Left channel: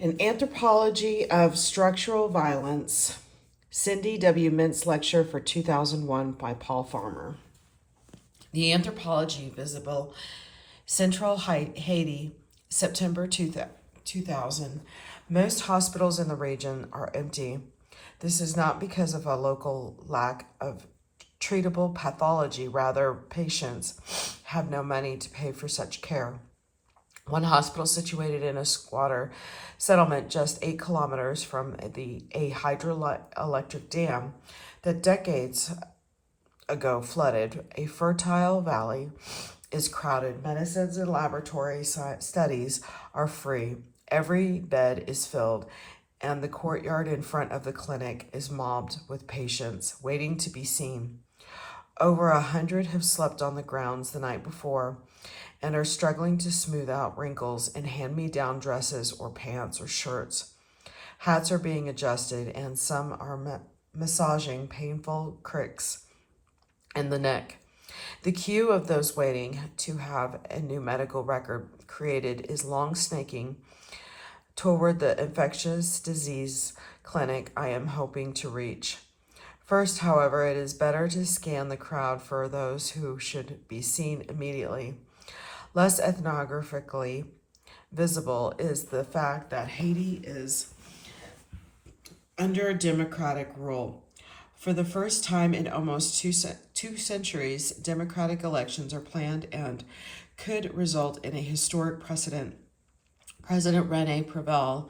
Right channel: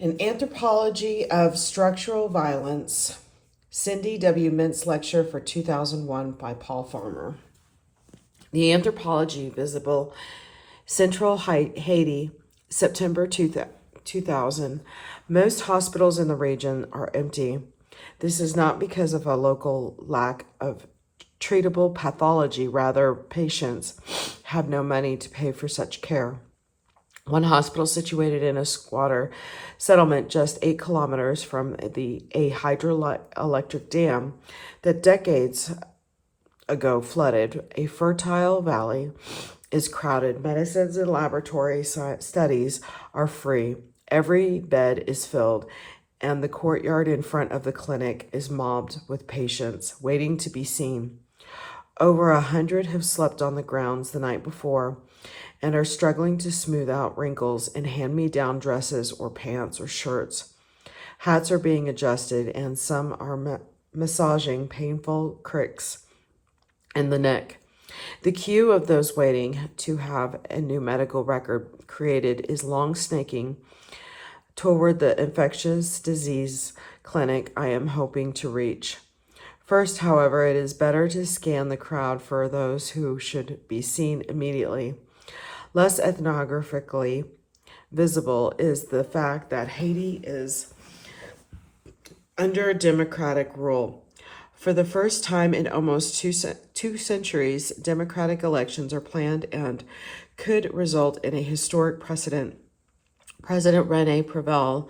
An Anthropology of Structural Violence, Cindy W.Mintz lecture for 2001 by Paul Farmer. The Anthropology, Visible, Central Haiti, September 2000. Most hospitals in the region are empty. This is not because of a local lack of treatable pathology, rather, patients have no money to pay for such care. One hospital situated in a squatter settlement just 8 kilometers from a hydroelectric dam that decades ago flooded a fertile valley is crowded. Medicines and laboratory studies are free. Every bed is filled, and the courtyard in front of the clinic is mobbed with patients waiting to be seen. Over 100 have slept on the grounds the night before and are struggling to smooth out wrinkles in hand-me-down dresses or pants or shirts. Hats are being adjusted, and some are massaging painful cricks in the neck. The queue of those waiting to have a new medical record created is long, snaking toward the infectious disease clinic I am hoping to reach. First, however, it is better to scan the crowd for those who should be seen immediately. Less ethnographically visible is the fact that Haiti is under democratic rule. For the first time in almost two centuries, democratic elections are planned and could result in a historic precedent. President Rene Preval,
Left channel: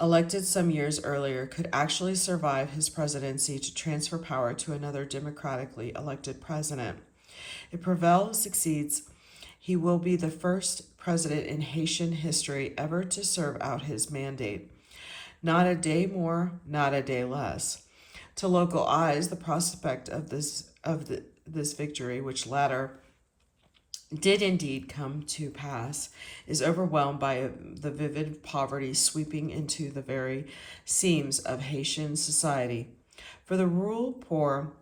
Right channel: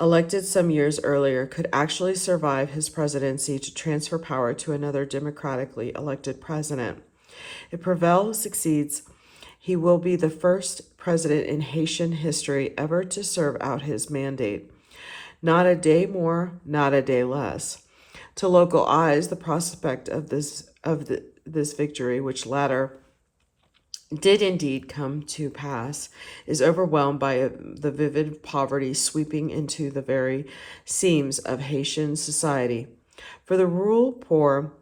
elected some years earlier, could actually survive his presidency to transfer power to another democratically elected president. If Preval succeeds, he will be the first president in Haitian history ever to serve out his mandate. Not a day more, not a day less. To local eyes, the prospect of this victory, which latter did indeed come to pass, is overwhelmed by the vivid poverty sweeping into the very seams of Haitian society. For the rural poor,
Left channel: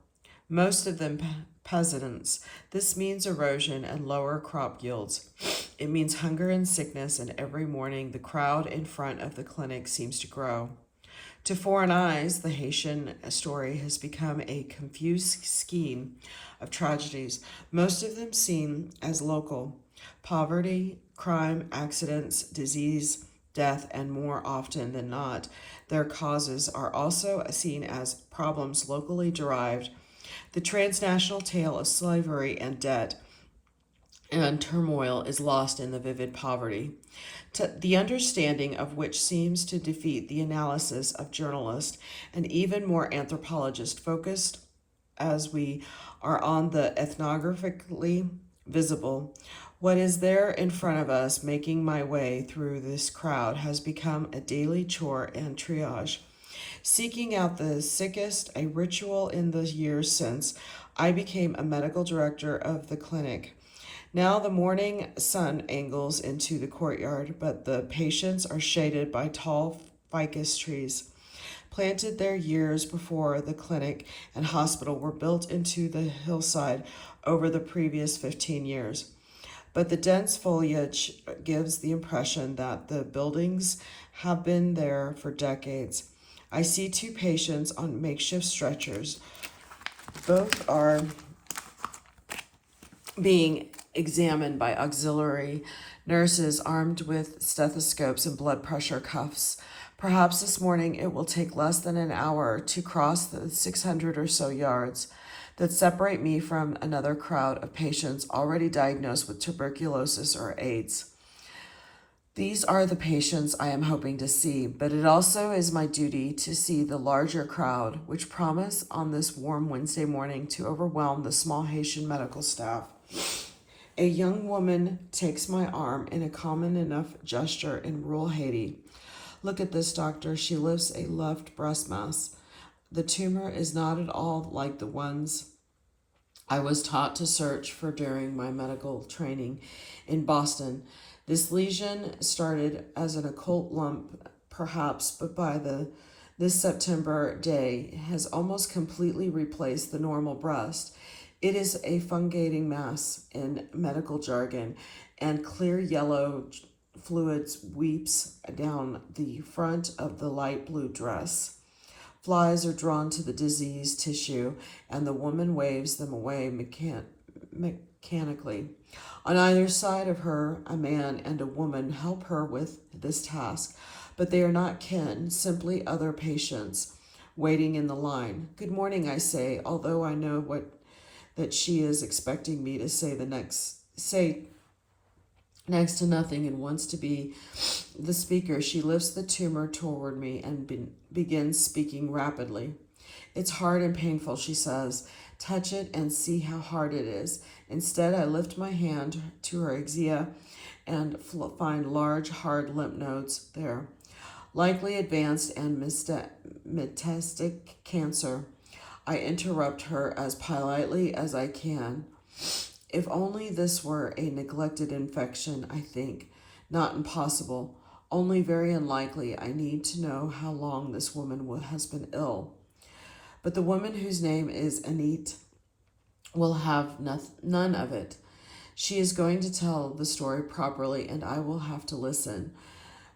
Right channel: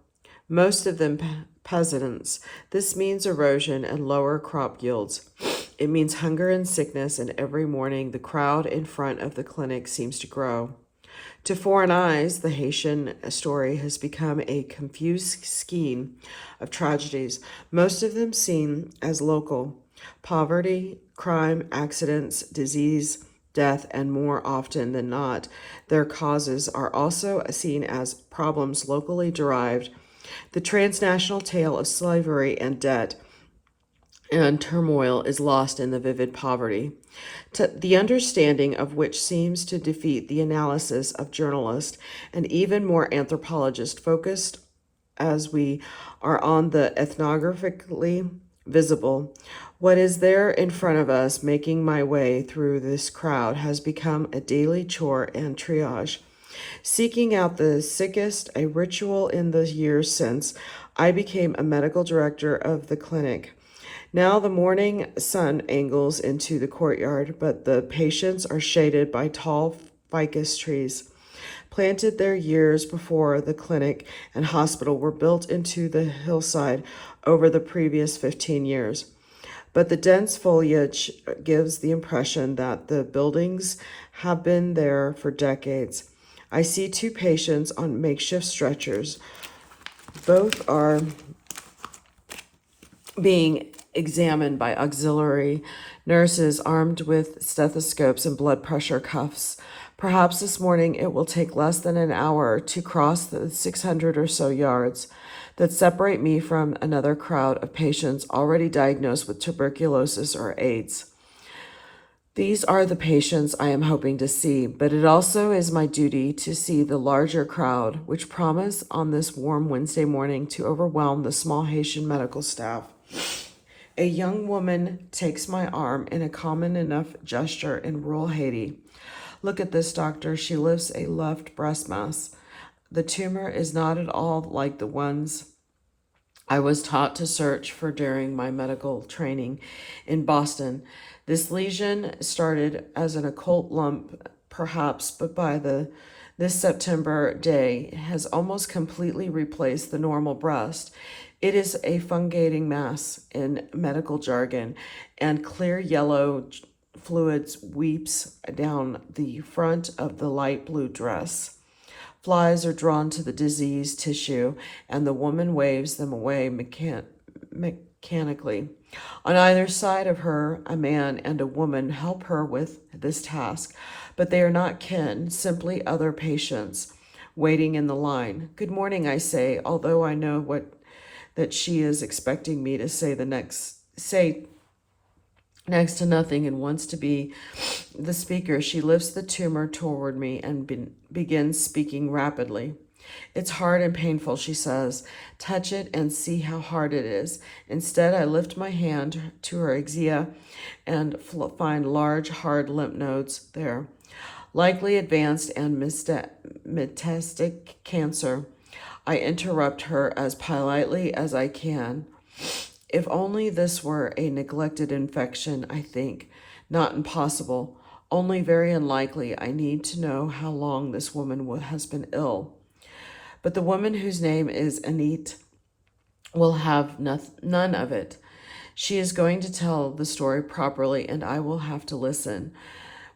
most of them peasants, this means erosion and lower crop yields. It means hunger and sickness, and every morning the crowd in front of the clinic seems to grow. To foreign eyes, the Haitian story has become a confused scheme of tragedies, most of them seen as local. Poverty, crime, accidents, disease, death, and more often than not, their causes are also seen as problems locally derived. The transnational tale of slavery and debt and turmoil is lost in the vivid poverty, the understanding of which seems to defeat the analysis of journalists and even more anthropologists focused as we are on the ethnographically visible. What is there in front of us, making my way through this crowd, has become a daily chore and triage. Seeking out the sickest, a ritual in the years since I became a medical director of the clinic. Now the morning sun angles into the courtyard, but the patients are shaded by tall ficus trees. Planted there years before the clinic and hospital were built into the hillside over the previous 15 years. But the dense foliage gives the impression that the buildings have been there for decades. I see 2 patients on makeshift stretchers. Both are being examined by auxiliary nurses armed with stethoscopes and blood pressure cuffs. Perhaps this morning it will take less than an hour to cross the 600 or so yards that separate me from another crowd of patients already diagnosed with tuberculosis or AIDS. These are the patients I am hoping to see, but it also is my duty to see the larger crowd, which promise on this warm Wednesday morning to overwhelm the small Haitian medical staff. A young woman takes my arm in a common enough gesture in rural Haiti. Look at this, doctor. She lifts a left breast mass. The tumor is not at all like the ones I was taught to search for during my medical training in Boston. This lesion started as an occult lump, perhaps, but by this September day has almost completely replaced the normal breast. It is a fungating mass in medical jargon, and clear yellow fluids weeps down the front of the light blue dress. Flies are drawn to the diseased tissue, and the woman waves them away mechanically. On either side of her, a man and a woman help her with this task, but they are not kin, simply other patients waiting in the line. Good morning, I say, although I know that she is expecting me to say next to nothing and wants to be the speaker. She lifts the tumor toward me and begins speaking rapidly. It's hard and painful, she says. Touch it and see how hard it is. Instead, I lift my hand to her axilla and find large, hard lymph nodes there. Likely advanced and metastatic cancer. I interrupt her as politely as I can. If only this were a neglected infection, I think. Not impossible, only very unlikely. I need to know how long this woman has been ill. But the woman whose name is Anit will have none of it. She is going to tell the story properly, and I will have to listen.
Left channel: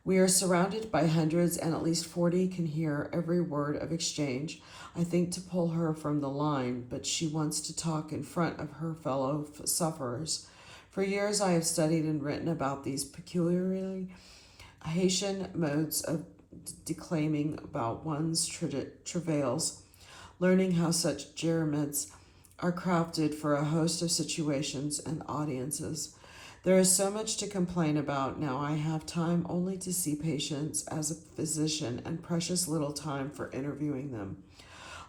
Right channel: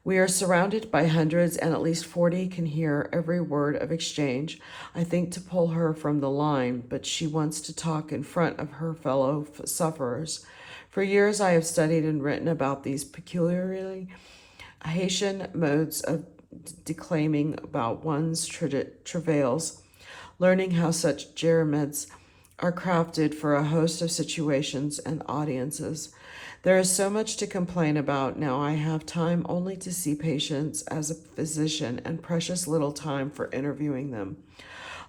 We are surrounded by hundreds, and at least 40 can hear every word of exchange. I think to pull her from the line, but she wants to talk in front of her fellow sufferers. For years I have studied and written about these peculiarly Haitian modes of declaiming about one's travails, learning how such germents are crafted for a host of situations and audiences. There is so much to complain about now. I have time only to see patients as a physician and precious little time for interviewing them.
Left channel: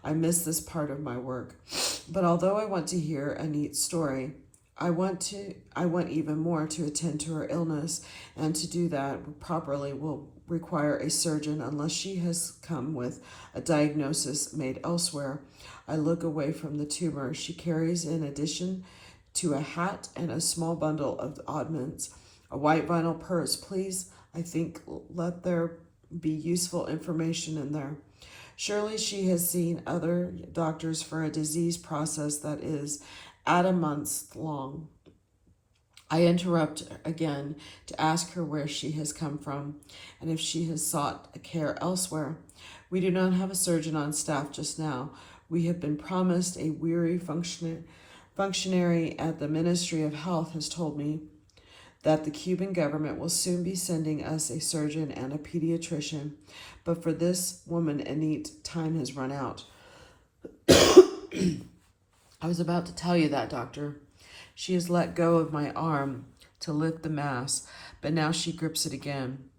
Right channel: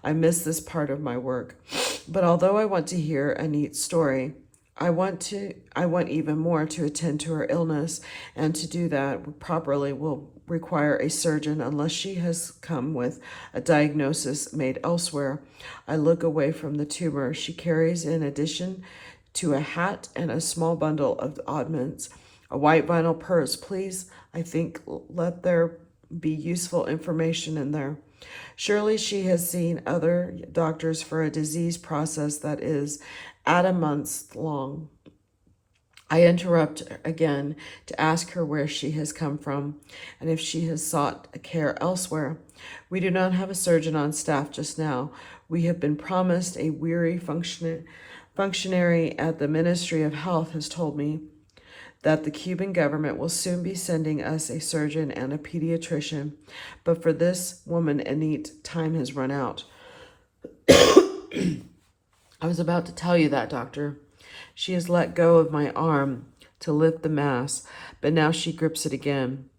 I miss this part of my work. But although I want to hear a neat story, I want even more to attend to her illness, and to do that properly will require a surgeon unless she has come with a diagnosis made elsewhere. I look away from the tumor she carries in addition to a hat and a small bundle of oddments. A white vinyl purse, please. I think let there be useful information in there. Surely she has seen other doctors for a disease process that is at a month long. I interrupt again to ask her where she has come from and if she has sought care elsewhere. We do not have a surgeon on staff just now. We have been promised. A weary functionary at the Ministry of Health has told me that the Cuban government will soon be sending us a surgeon and a pediatrician, but for this woman, Anit, time has run out. I was about to tell you that, doctor. She has let go of my arm to lift the mass, but now she grips it again.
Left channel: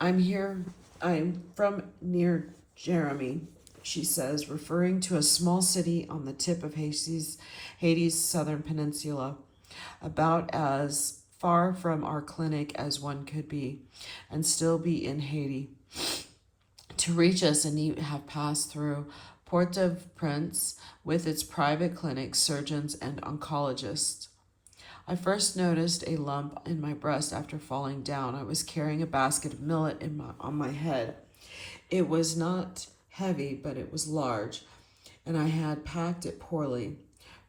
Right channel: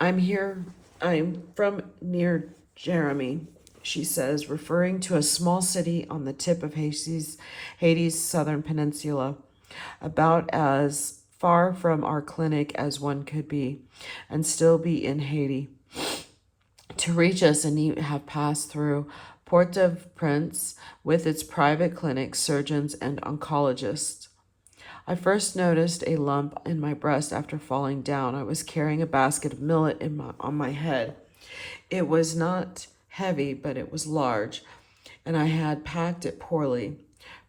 I'm from near Jeremy, she says, referring to a small city on the tip of Haiti's southern peninsula, about as far from our clinic as one could be, and still be in Haiti. To reach us, and have passed through Port-au-Prince with its private clinics, surgeons, and oncologists. I first noticed a lump in my breast after falling down. I was carrying a basket of millet on my head. It was not heavy, but it was large, and I had packed it poorly.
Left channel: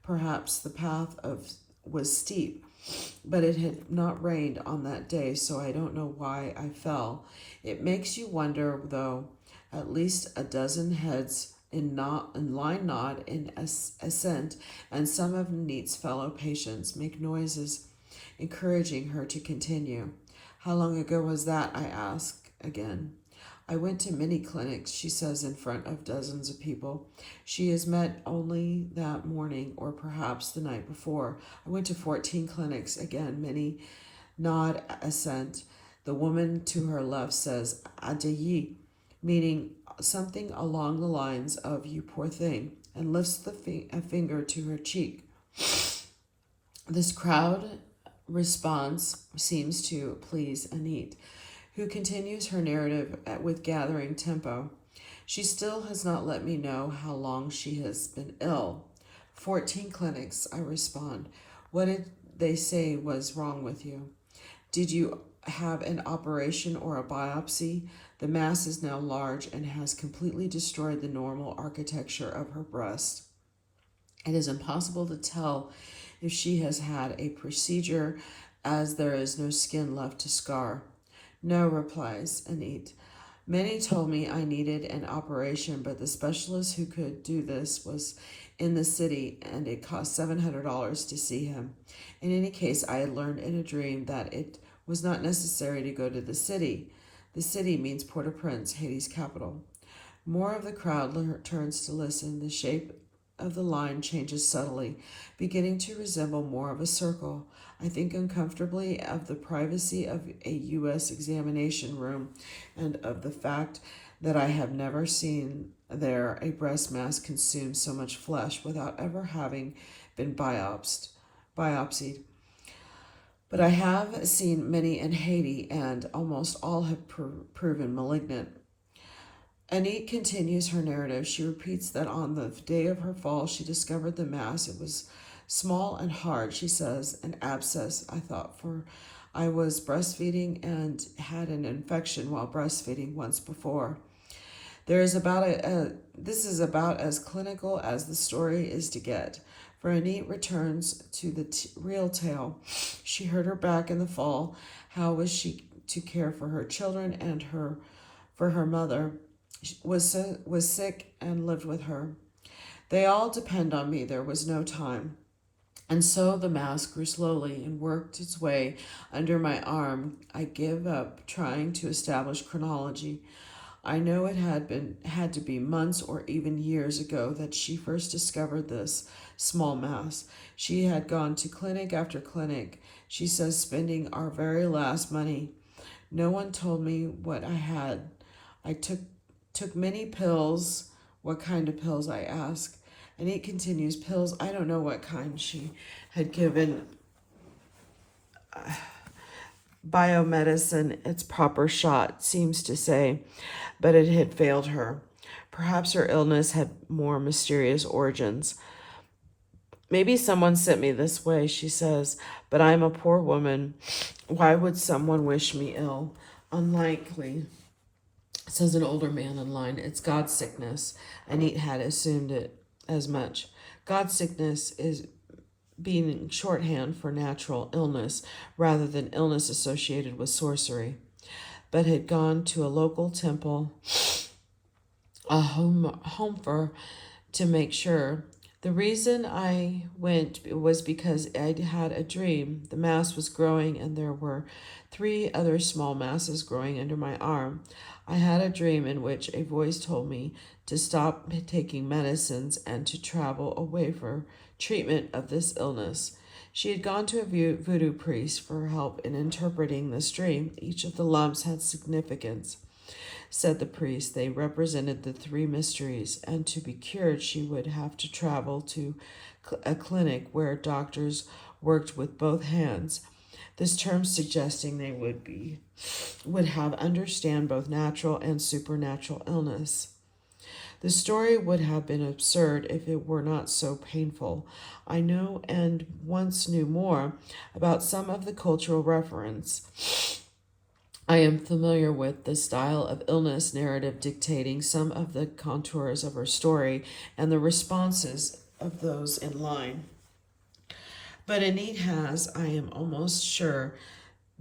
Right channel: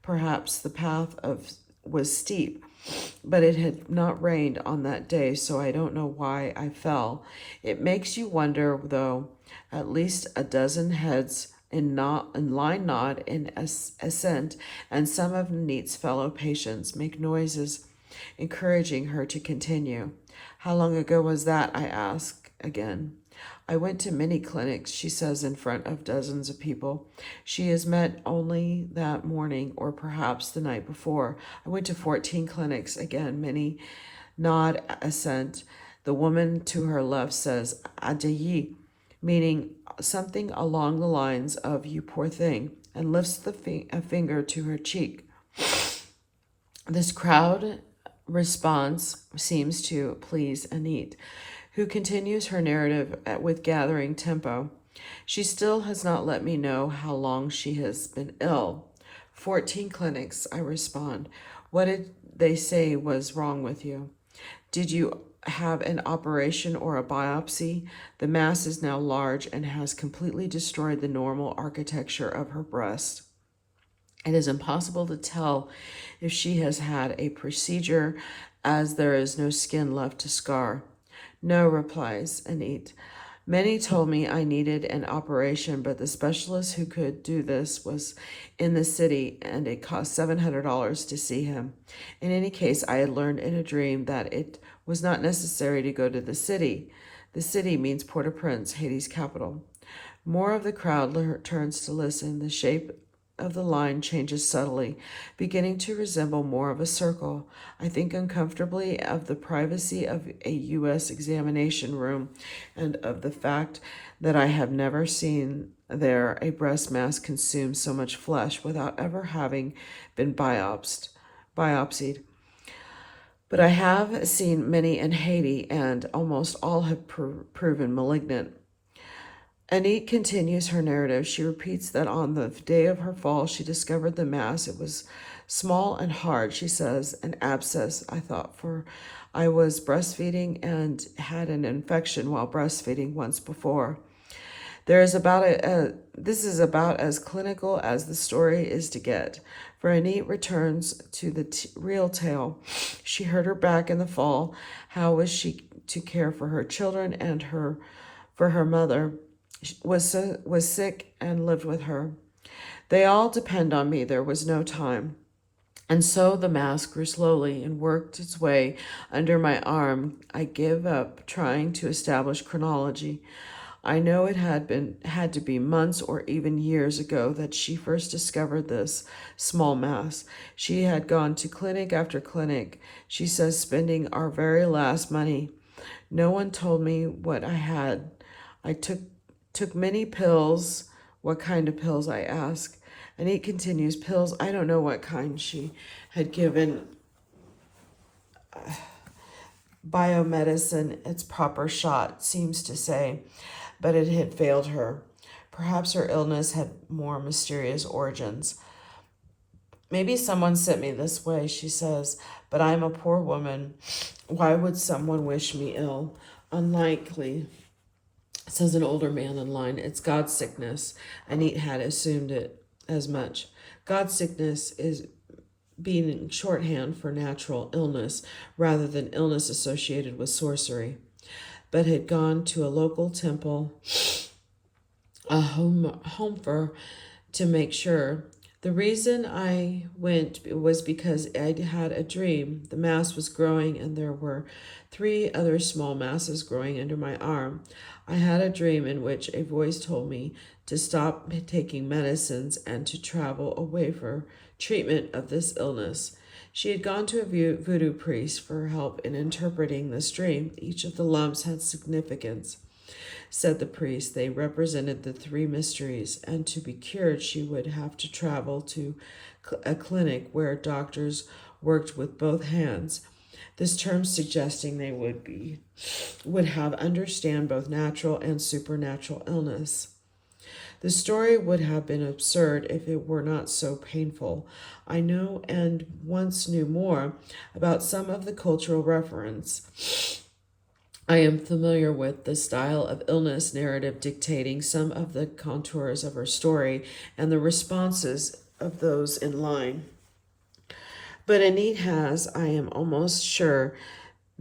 Perhaps the path was steep, but it had not rained on that day, so I don't know why I fell. It makes you wonder, though. At least a dozen heads in line nod in assent, and some of Neat's fellow patients make noises, encouraging her to continue. How long ago was that? I ask again. I went to many clinics, she says, in front of dozens of people. She has met only that morning, or perhaps the night before. I went to 14 clinics. Again, many nod assent. The woman to her left says, Adayi, meaning something along the lines of, you poor thing, and lifts a finger to her cheek. This crowd response seems to please Anit, who continues her narrative with gathering tempo. She still has not let me know how long she has been ill. 14 clinics, I respond. What did they say was wrong with you? Did you have an operation or a biopsy? The mass is now large and has completely destroyed the normal architecture of her breast. It is impossible to tell if she has had a procedure, as there is no skin left to scar. No, replies Anit. Many told me I needed an operation, but the specialist who could do this was in the city, and it cost $700 to see him. In any case, I had learned in a dream that it was not necessary to go to the city. The city means Port-au-Prince, Haiti's capital. More of the crowd turns to listen. The shape of the line changes subtly, beginning to resemble more of a circle. I think uncomfortably of the privacy of a U.S. examination room and of the fact that I have never seen there a breast mass consume so much flesh without ever having been biopsied. But I have seen many in Haiti, and almost all have proven malignant. Anit continues her narrative. She repeats that on the day of her fall, she discovered the mass. It was small and hard, she says, an abscess, I thought, for I was breastfeeding and had an infection while breastfeeding once before. This is about as clinical as the story is to get. For Anit returns to the real tale. She hurt her back in the fall. How was she to care for her children and for her mother? Was sick and lived with her. They all depend on me. There was no time. And so the mass grew slowly and worked its way under my arm. I give up trying to establish chronology. I know it had to be months or even years ago that she first discovered this small mass. She had gone to clinic after clinic, she says, spending our very last money. No one told me what I had. I took many pills. What kind of pills, I ask. And he continues, pills, I don't know what kind. She had given biomedicine its proper shot, seems to say, but it had failed her. Perhaps her illness had more mysterious origins. Maybe someone sent me this way, she says, but I'm a poor woman. Why would someone wish me ill? Unlikely, says an older man in line. It's God's sickness. Anit had assumed it as much. God's sickness is being shorthand for natural illness rather than illness associated with sorcery, but had gone to a local temple, a home for, to make sure. The reason I went was because I had a dream. The mass was growing and there were 3 other small masses growing under my arm. I had a dream in which a voice told me to stop taking medicines and to travel away for treatment of this illness. She had gone to a voodoo priest for help in interpreting this dream. Each of the lumps had significance, said the priest. They represented the 3 mysteries, and to be cured, she would have to travel to a clinic where doctors worked with both hands. This term suggesting they would have understand both natural and supernatural illness. The story would have been absurd if it were not so painful. I know and once knew more about some of the cultural reference. I am familiar with the style of illness narrative dictating some of the contours of her story and the responses of those in line. But Anit has, I am almost sure,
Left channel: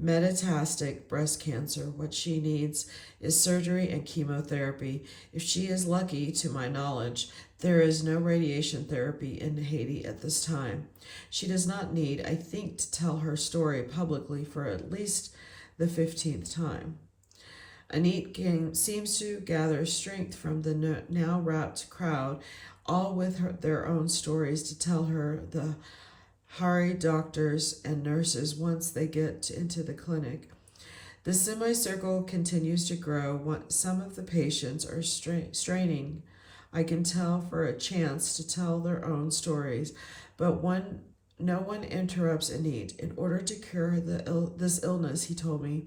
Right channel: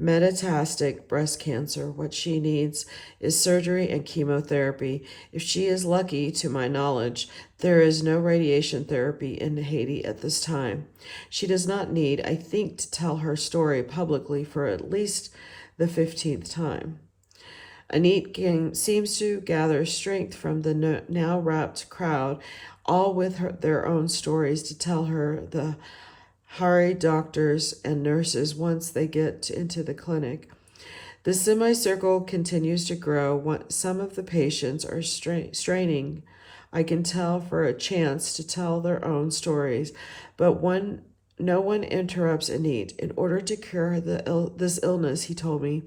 metastatic breast cancer. What she needs is surgery and chemotherapy. If she is lucky, to my knowledge, there is no radiation therapy in Haiti at this time. She does not need, I think, to tell her story publicly for at least the 15th time. Anit seems to gather strength from the now rapt crowd, all with their own stories to tell her, the hurry doctors and nurses once they get into the clinic. The semicircle continues to grow. Some of the patients are straining, I can tell, for a chance to tell their own stories, but no one interrupts Anit. In order to cure this illness, he told me,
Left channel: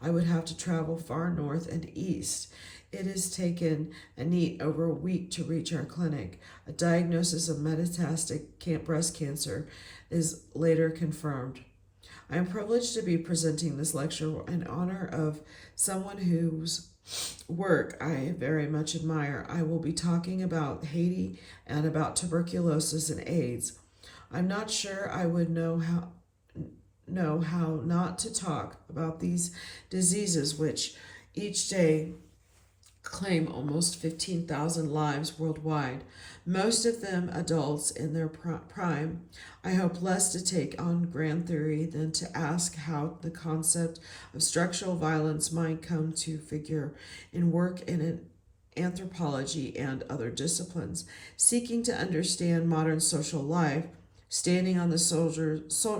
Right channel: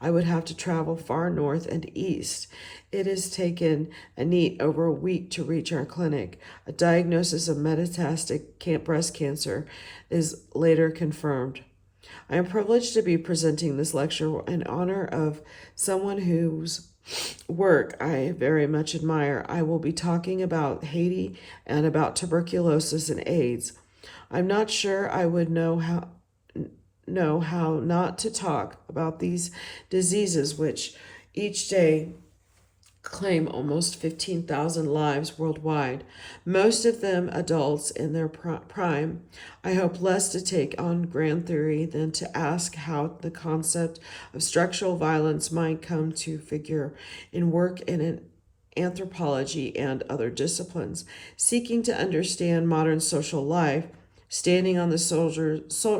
I would have to travel far north and east. It has taken Anit over a week to reach our clinic. A diagnosis of metastatic breast cancer is later confirmed. I am privileged to be presenting this lecture in honor of someone whose work I very much admire. I will be talking about Haiti and about tuberculosis and AIDS. I'm not sure I would know know how not to talk about these diseases, which each day claim almost 15,000 lives worldwide, most of them adults in their prime. I hope less to take on grand theory than to ask how the concept of structural violence might come to figure in work in anthropology and other disciplines, seeking to understand modern social life, standing on the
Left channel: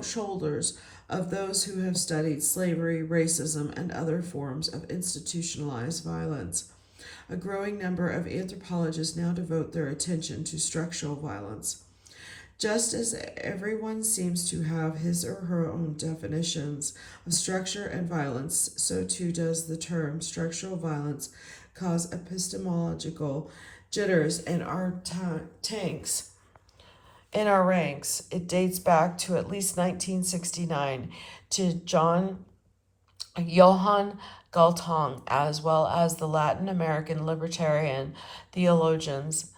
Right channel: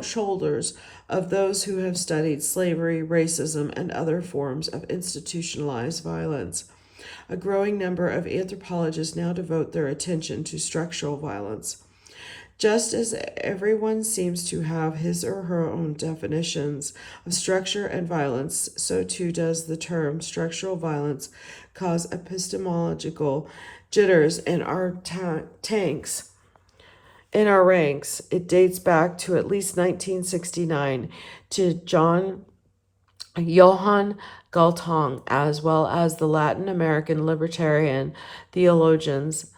shoulders of those who have studied slavery, racism, and other forms of institutionalized violence. A growing number of anthropologists now devote their attention to structural violence. Just as everyone seems to have his or her own definitions of structure and violence, so too does the term structural violence cause epistemological jitters in our in our ranks. It dates back to at least 1969 to Johann Galtung, as well as the Latin American libertarian theologians.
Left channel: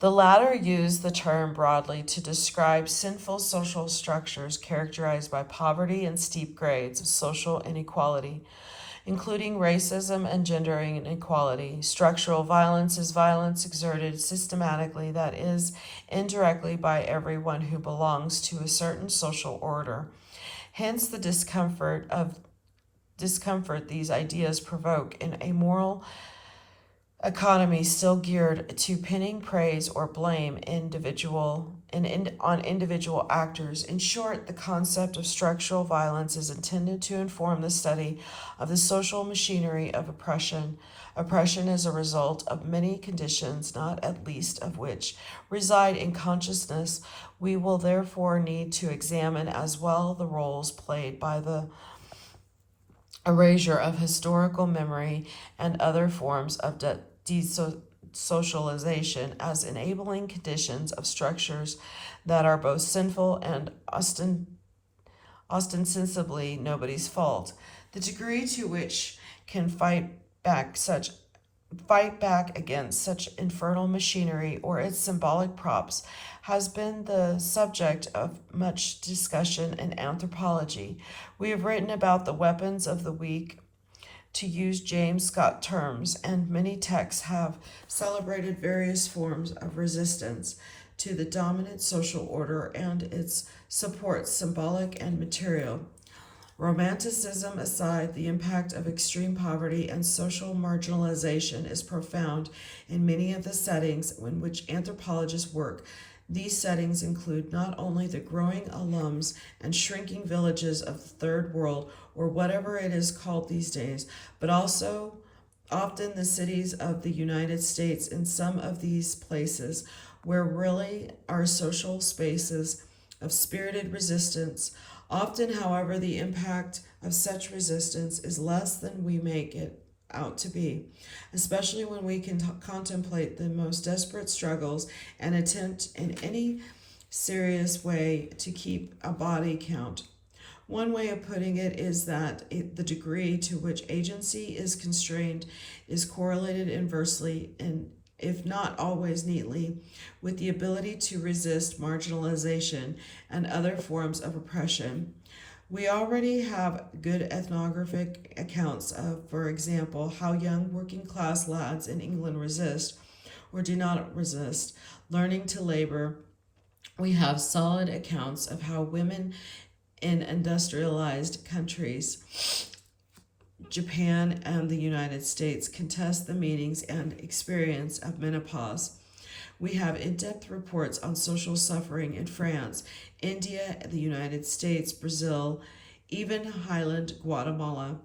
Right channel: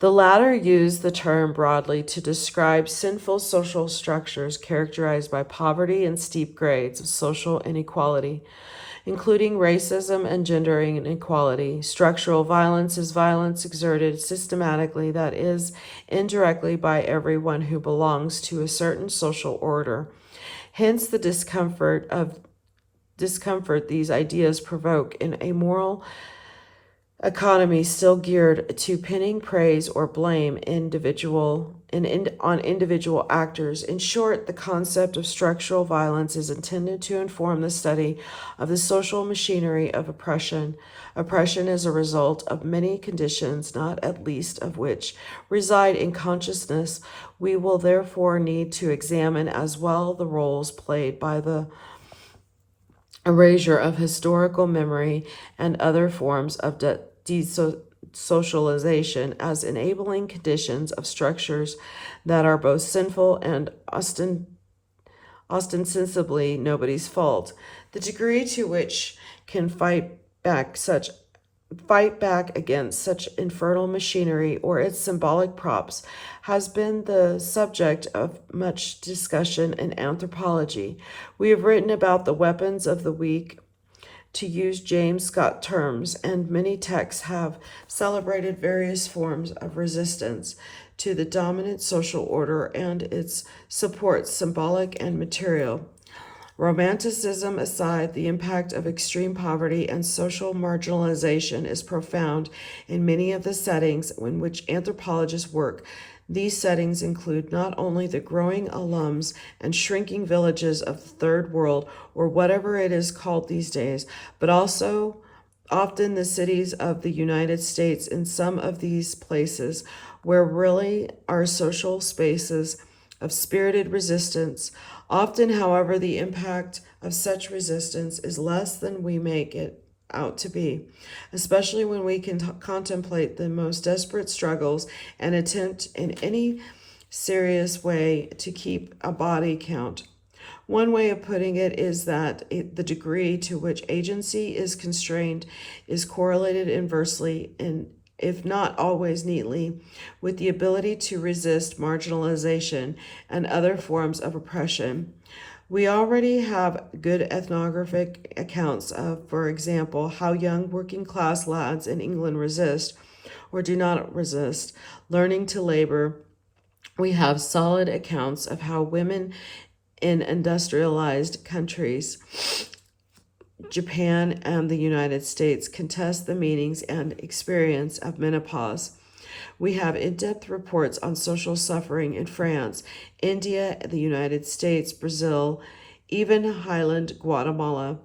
The latter use the term broadly to describe sinful social structures characterized by poverty and steep grades of social inequality, including racism and gender inequality. Structural violence is violence exerted systematically, that is, indirectly, by everyone who belongs to a certain social order. Hence the discomfort these ideas provoke in a moral economy still geared to pinning praise or blame on individual actors. In short, the concept of structural violence is intended to inform the study of the social machinery of oppression. Oppression is a result of many conditions, not at least of which reside in consciousness. We will therefore need to examine as well the roles played by the erasure of historical memory and other forms of desocialization as enabling conditions of structures that are both sinful and ostensibly nobody's fault. The degree to which can fight back against such infernal machinery or its symbolic props has been the subject of much discussion in anthropology. We have written about the weapons of the weak, to use James Scott terms, and many texts have celebrated various forms of resistance to the dominant social order and its supports, symbolic and material. Romanticism aside, the impact of extreme poverty and social marginalization is profound in many of the settings in which anthropologists work. These settings include not only the growing slums and shrinking villages of the third world, or whatever it is called these days, but also often the cities of the United States. In some of these places where really are social spaces of spirited resistance. Often, however, the impact of such resistance is less than we make it out to be, especially when we can contemplate the most desperate struggles and attempt in any serious way to keep a body count. One way of putting it is that the degree to which agency is constrained is correlated inversely, and if not always neatly, with the ability to resist marginalization and other forms of oppression. We already have good ethnographic accounts of, for example, how young working class lads in England resist, or do not resist, learning to labor. We have solid accounts of how women in industrialized countries, Japan and the United States, contest the meanings and experience of menopause. We have in-depth reports on social suffering in France, India, the United States, Brazil, even Highland Guatemala.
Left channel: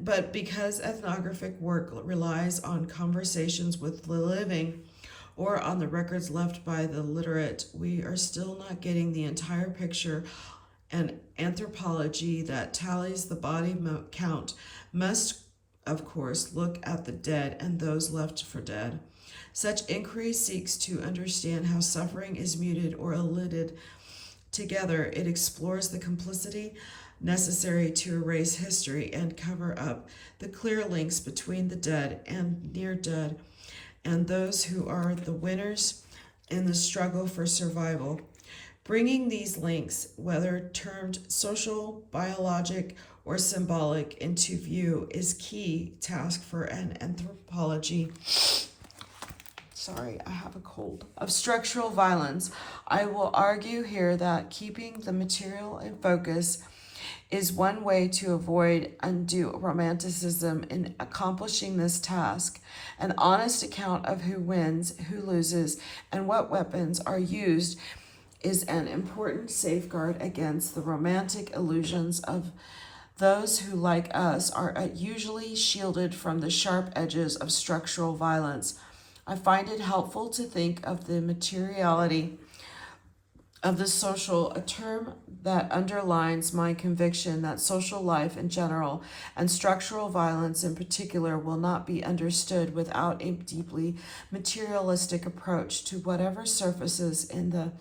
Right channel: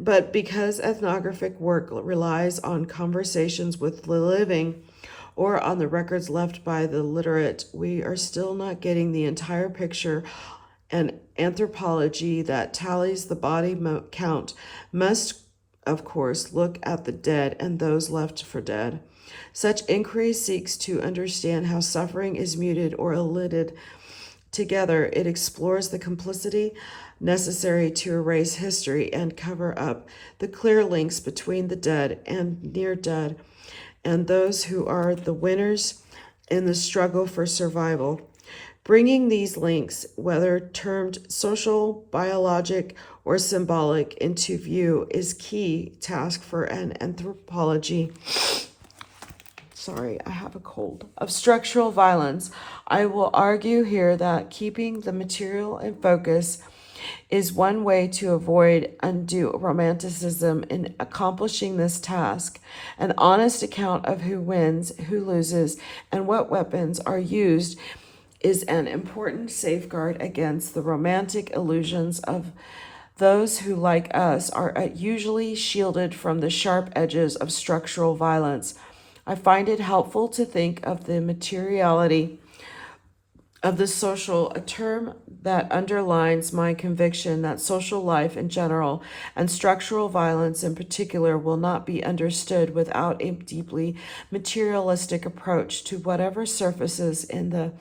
But because ethnographic work relies on conversations with the living or on the records left by the literate, we are still not getting the entire picture. An anthropology that tallies the body count must, of course, look at the dead and those left for dead. Such inquiry seeks to understand how suffering is muted or elided. Together, it explores the complicity necessary to erase history and cover up the clear links between the dead and near dead and those who are the winners in the struggle for survival. Bringing these links, whether termed social, biologic, or symbolic, into view is key task for an anthropology. Sorry, I have a cold. Of structural violence. I will argue here that keeping the material in focus is one way to avoid undue romanticism in accomplishing this task. An honest account of who wins, who loses, and what weapons are used is an important safeguard against the romantic illusions of those who, like us, are usually shielded from the sharp edges of structural violence. I find it helpful to think of the materiality of the social, a term that underlines my conviction that social life in general and structural violence in particular will not be understood without a deeply materialistic approach to whatever surfaces in the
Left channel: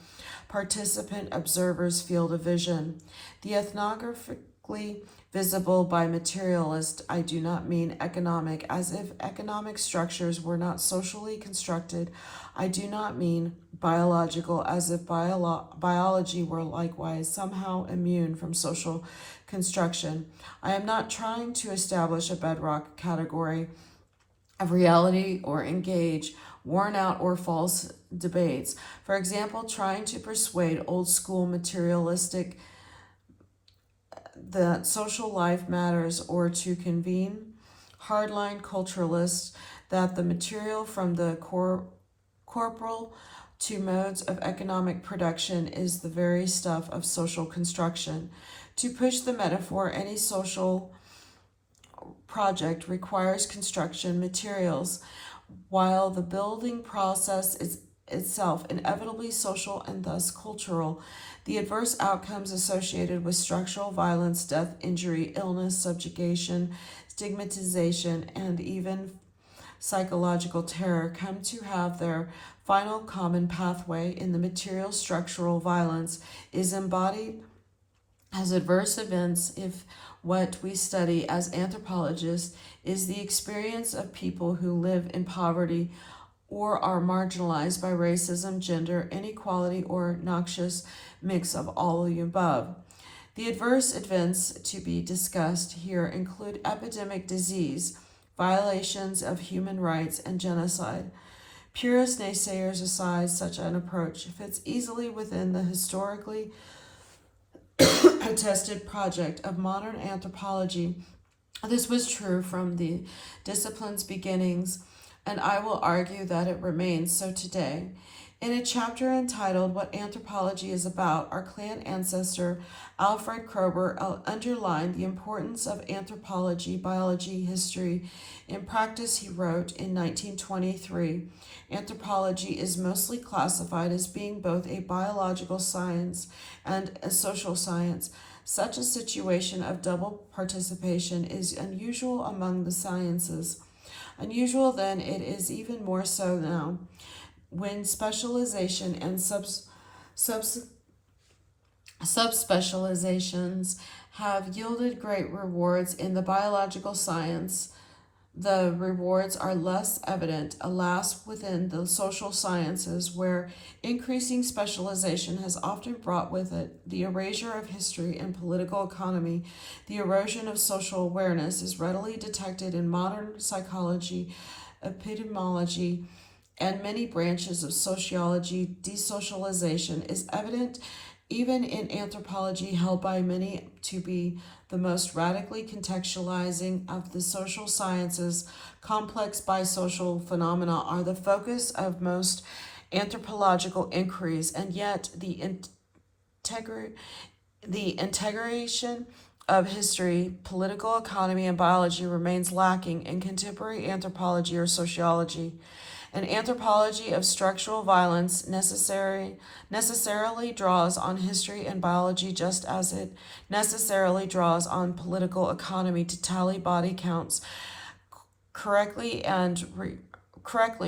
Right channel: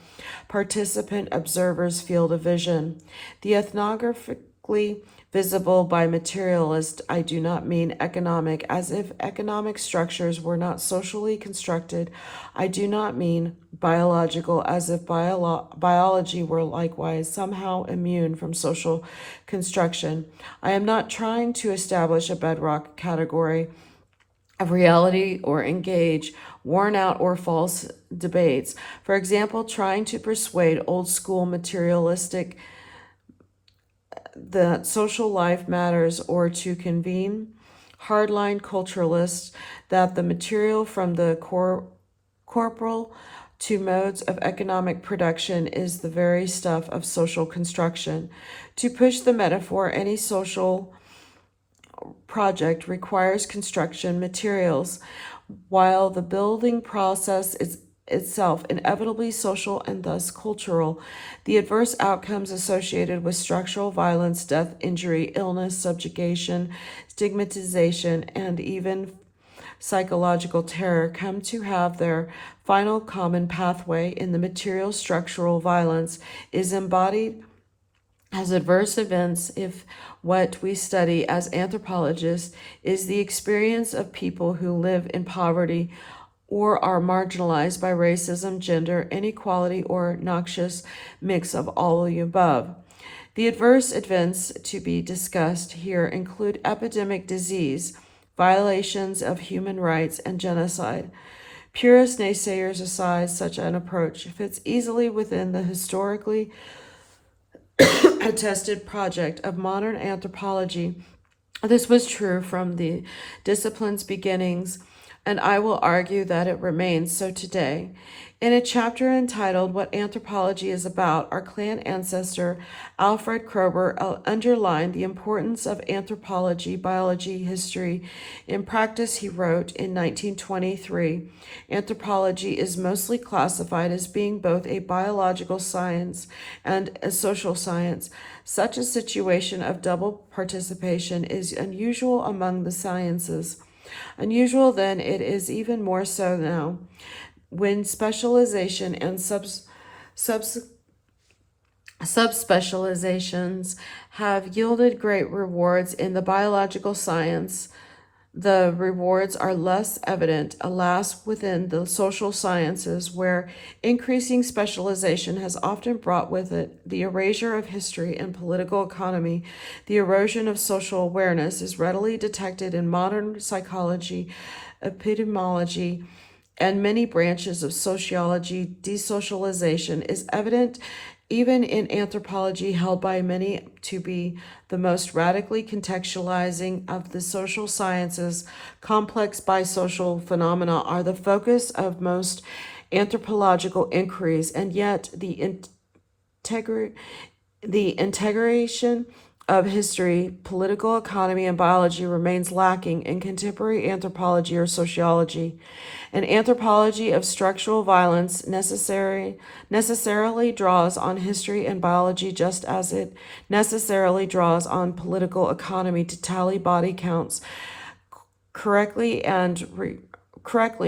participant observer's field of vision. The ethnographically visible by materialist, I do not mean economic, as if economic structures were not socially constructed. I do not mean biological, as if biology were likewise somehow immune from social construction. I am not trying to establish a bedrock category of reality or engage worn out or false debates. For example, trying to persuade old school materialistic that social life matters, or to convene hardline culturalists that the material from the corporal to modes of economic production is the very stuff of social construction. To push the metaphor, any social project requires construction materials, while the building process is itself inevitably social and thus cultural. The adverse outcomes associated with structural violence, death, injury, illness, subjugation, stigmatization, and even psychological terror come to have their final common pathway in the material structural violence is embodied as adverse events if what we study as anthropologists is the experience of people who live in poverty or are marginalized by racism, gender, inequality, or noxious mix of all of the above. The adverse events to be discussed here include epidemic disease, violations of human rights, and genocide. Purist naysayers aside, such an approach fits easily within the historically attested project of modern anthropology. This was true from the discipline's beginnings, and I will argue that it remains so today. In a chapter entitled What Anthropology is About, our clan ancestor Alfred Kroeber underlined the importance of anthropology, biology, history. In practice, he wrote in 1923, anthropology is mostly classified as being both a biological science and a social science. Such a situation of double participation is unusual among the sciences. Unusual then, it is even more so now, when specialization and subspecializations have yielded great rewards in the biological science. The rewards are less evident, alas, within the social sciences, where increasing specialization has often brought with it the erasure of history and political economy. The erosion of social awareness is readily detected in modern psychology, epidemiology, and many branches of sociology. Desocialization is evident even in anthropology, held by many to be the most radically contextualizing of the social sciences. Complex bisocial phenomena are the focus of most anthropological inquiries, and yet the integration of history, political economy, and biology remains lacking in contemporary anthropology or sociology. An anthropology of structural violence necessarily draws on history and biology, just as it necessarily draws on political economy to tally body counts correctly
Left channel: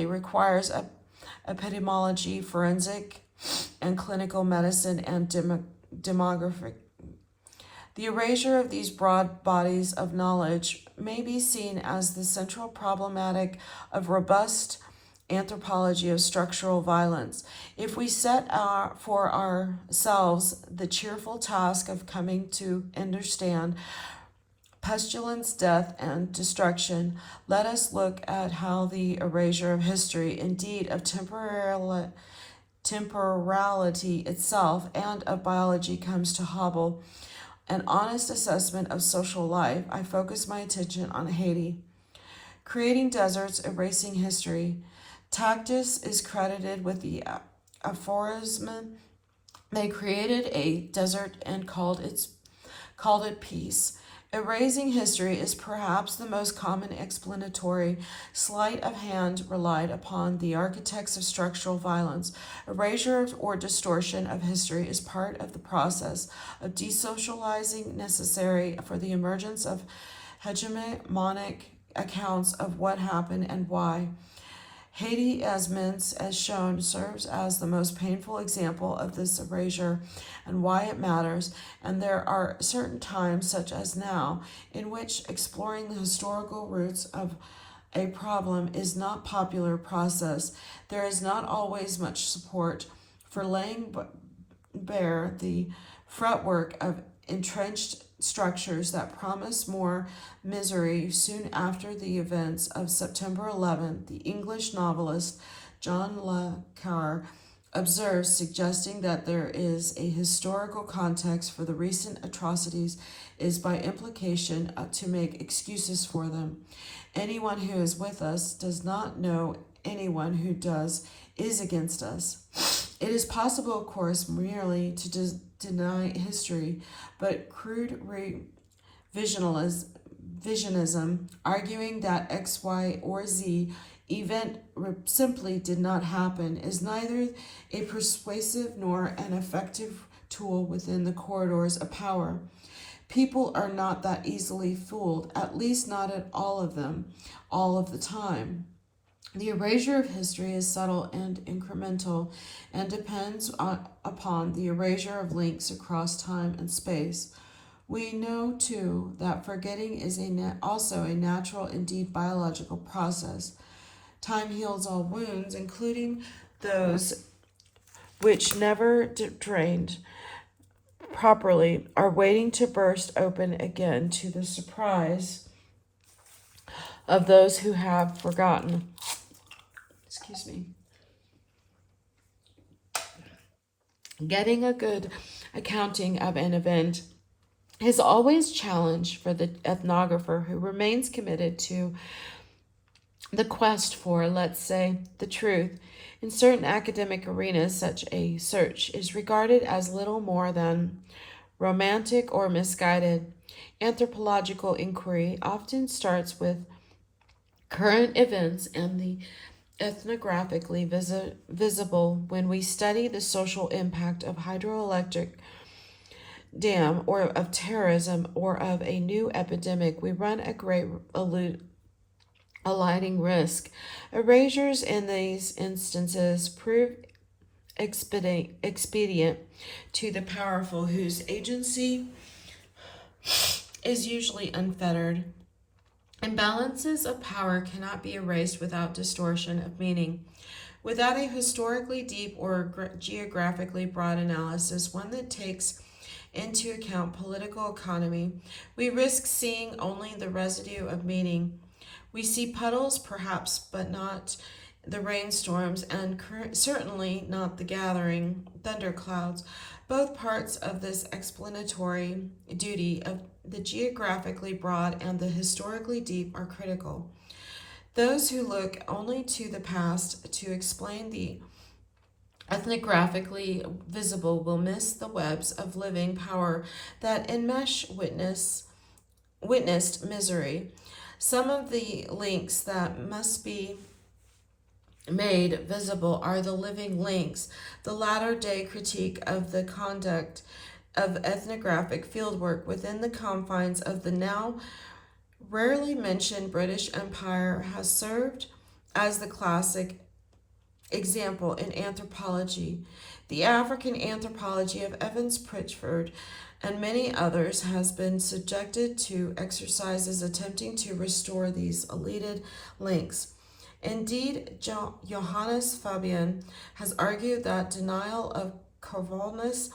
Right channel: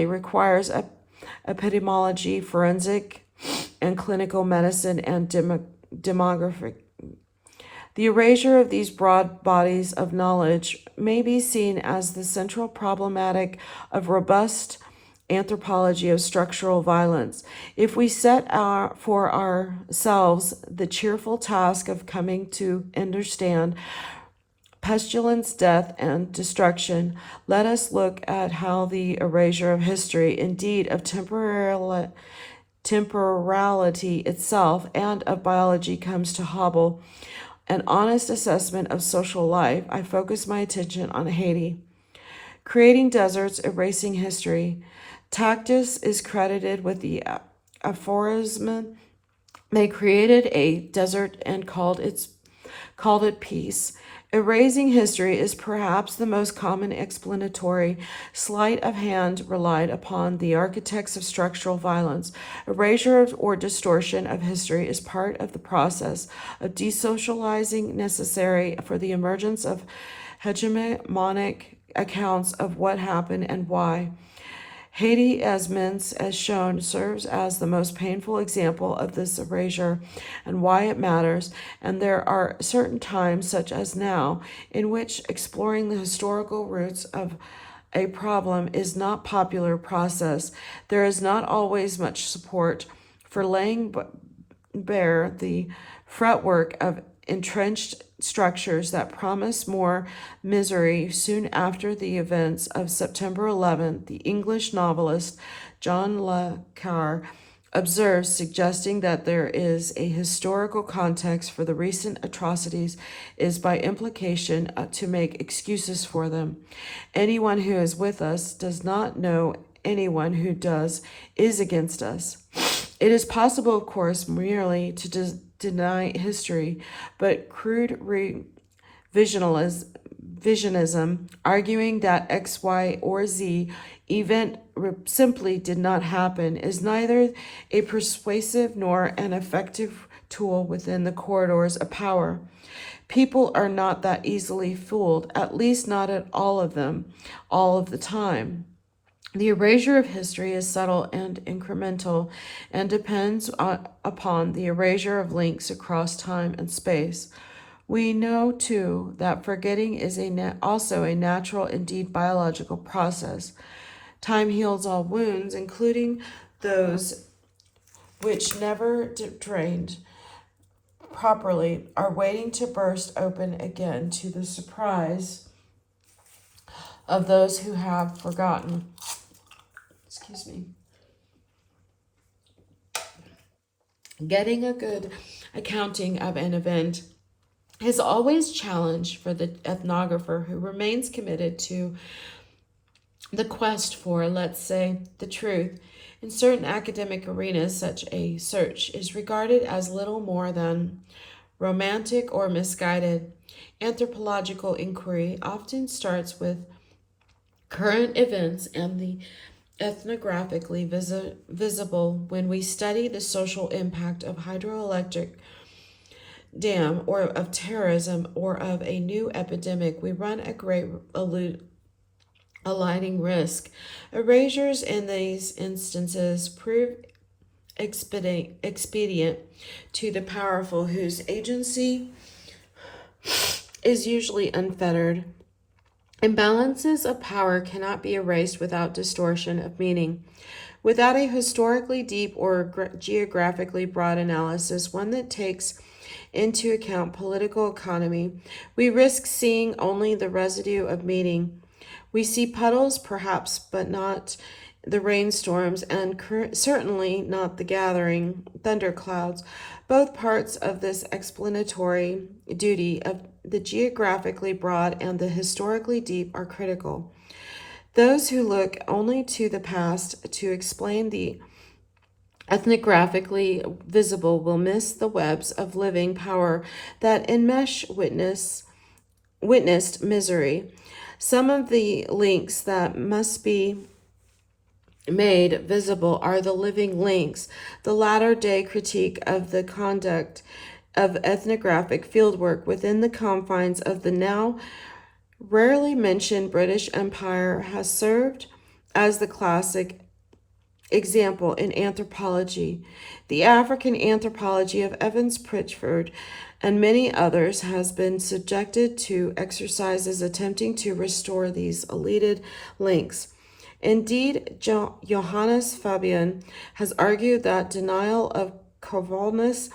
requires epidemiology, forensic and clinical medicine, and demographic. The erasure of these broad bodies of knowledge may be seen as the central problematic of robust Anthropology of Structural Violence. If we set for ourselves the cheerful task of coming to understand pestilence, death, and destruction, let us look at how the erasure of history, indeed of temporality itself, and of biology, comes to hobble an honest assessment of social life. I focus my attention on Haiti. Creating deserts, erasing history. Tacitus is credited with the aphorism, they created a desert and called it peace. Erasing history is perhaps the most common explanatory sleight of hand relied upon the architects of structural violence. Erasure or distortion of history is part of the process of desocializing necessary for the emergence of hegemonic accounts of what happened and why. Haiti, as Mintz has shown, serves as the most painful example of this erasure and why it matters, and there are certain times, such as now, in which exploring the historical roots of a problem is not a popular process. There is not always much support for laying bare the fretwork of entrenched structures that promise more misery. Soon after the events of September 11th, the English novelist John le Carre observes, suggesting that there is a historical context for the recent atrocities is by implication to make excuses for them. Anyone who is with us does not know anyone who does is against us. It is possible, of course, merely to deny history, but crude revisionism, arguing that X, Y, or Z event simply did not happen, is neither a persuasive nor an effective tool within the corridors of power. People are not that easily fooled, at least not at all of them, all of the time. The erasure of history is subtle and incremental and depends upon the erasure of links across time and space. We know, too, that forgetting is also a natural, indeed biological process. Time heals all wounds, including those which never drained properly, are waiting to burst open again to the surprise of those who have forgotten. Excuse me. Getting a good accounting of an event is always challenge for the ethnographer who remains committed to the quest for, let's say, the truth. In certain academic arenas, such a search is regarded as little more than romantic or misguided. Anthropological inquiry often starts with current events and the ethnographically visible. When we study the social impact of hydroelectric dam or of terrorism or of a new epidemic, we run a great alighting risk. Erasures in these instances prove expedient to the powerful, whose agency is usually unfettered. Imbalances of power cannot be erased without distortion of meaning. Without a historically deep or geographically broad analysis, one that takes into account political economy, we risk seeing only the residue of meaning. We see puddles, perhaps, but not the rainstorms, and certainly not the gathering thunderclouds. Both parts of this explanatory duty of the geographically broad and the historically deep are critical. Those who look only to the past to explain the ethnographically visible will miss the webs of living power that enmesh witnessed misery. Some of the links that must be made visible are the living links, the latter-day critique of the conduct of ethnographic fieldwork within the confines of the now rarely mentioned British Empire has served as the classic example in anthropology. The African anthropology of Evans Pritchard and many others has been subjected to exercises attempting to restore these elided links. Indeed, Johannes Fabian has argued that denial of causalness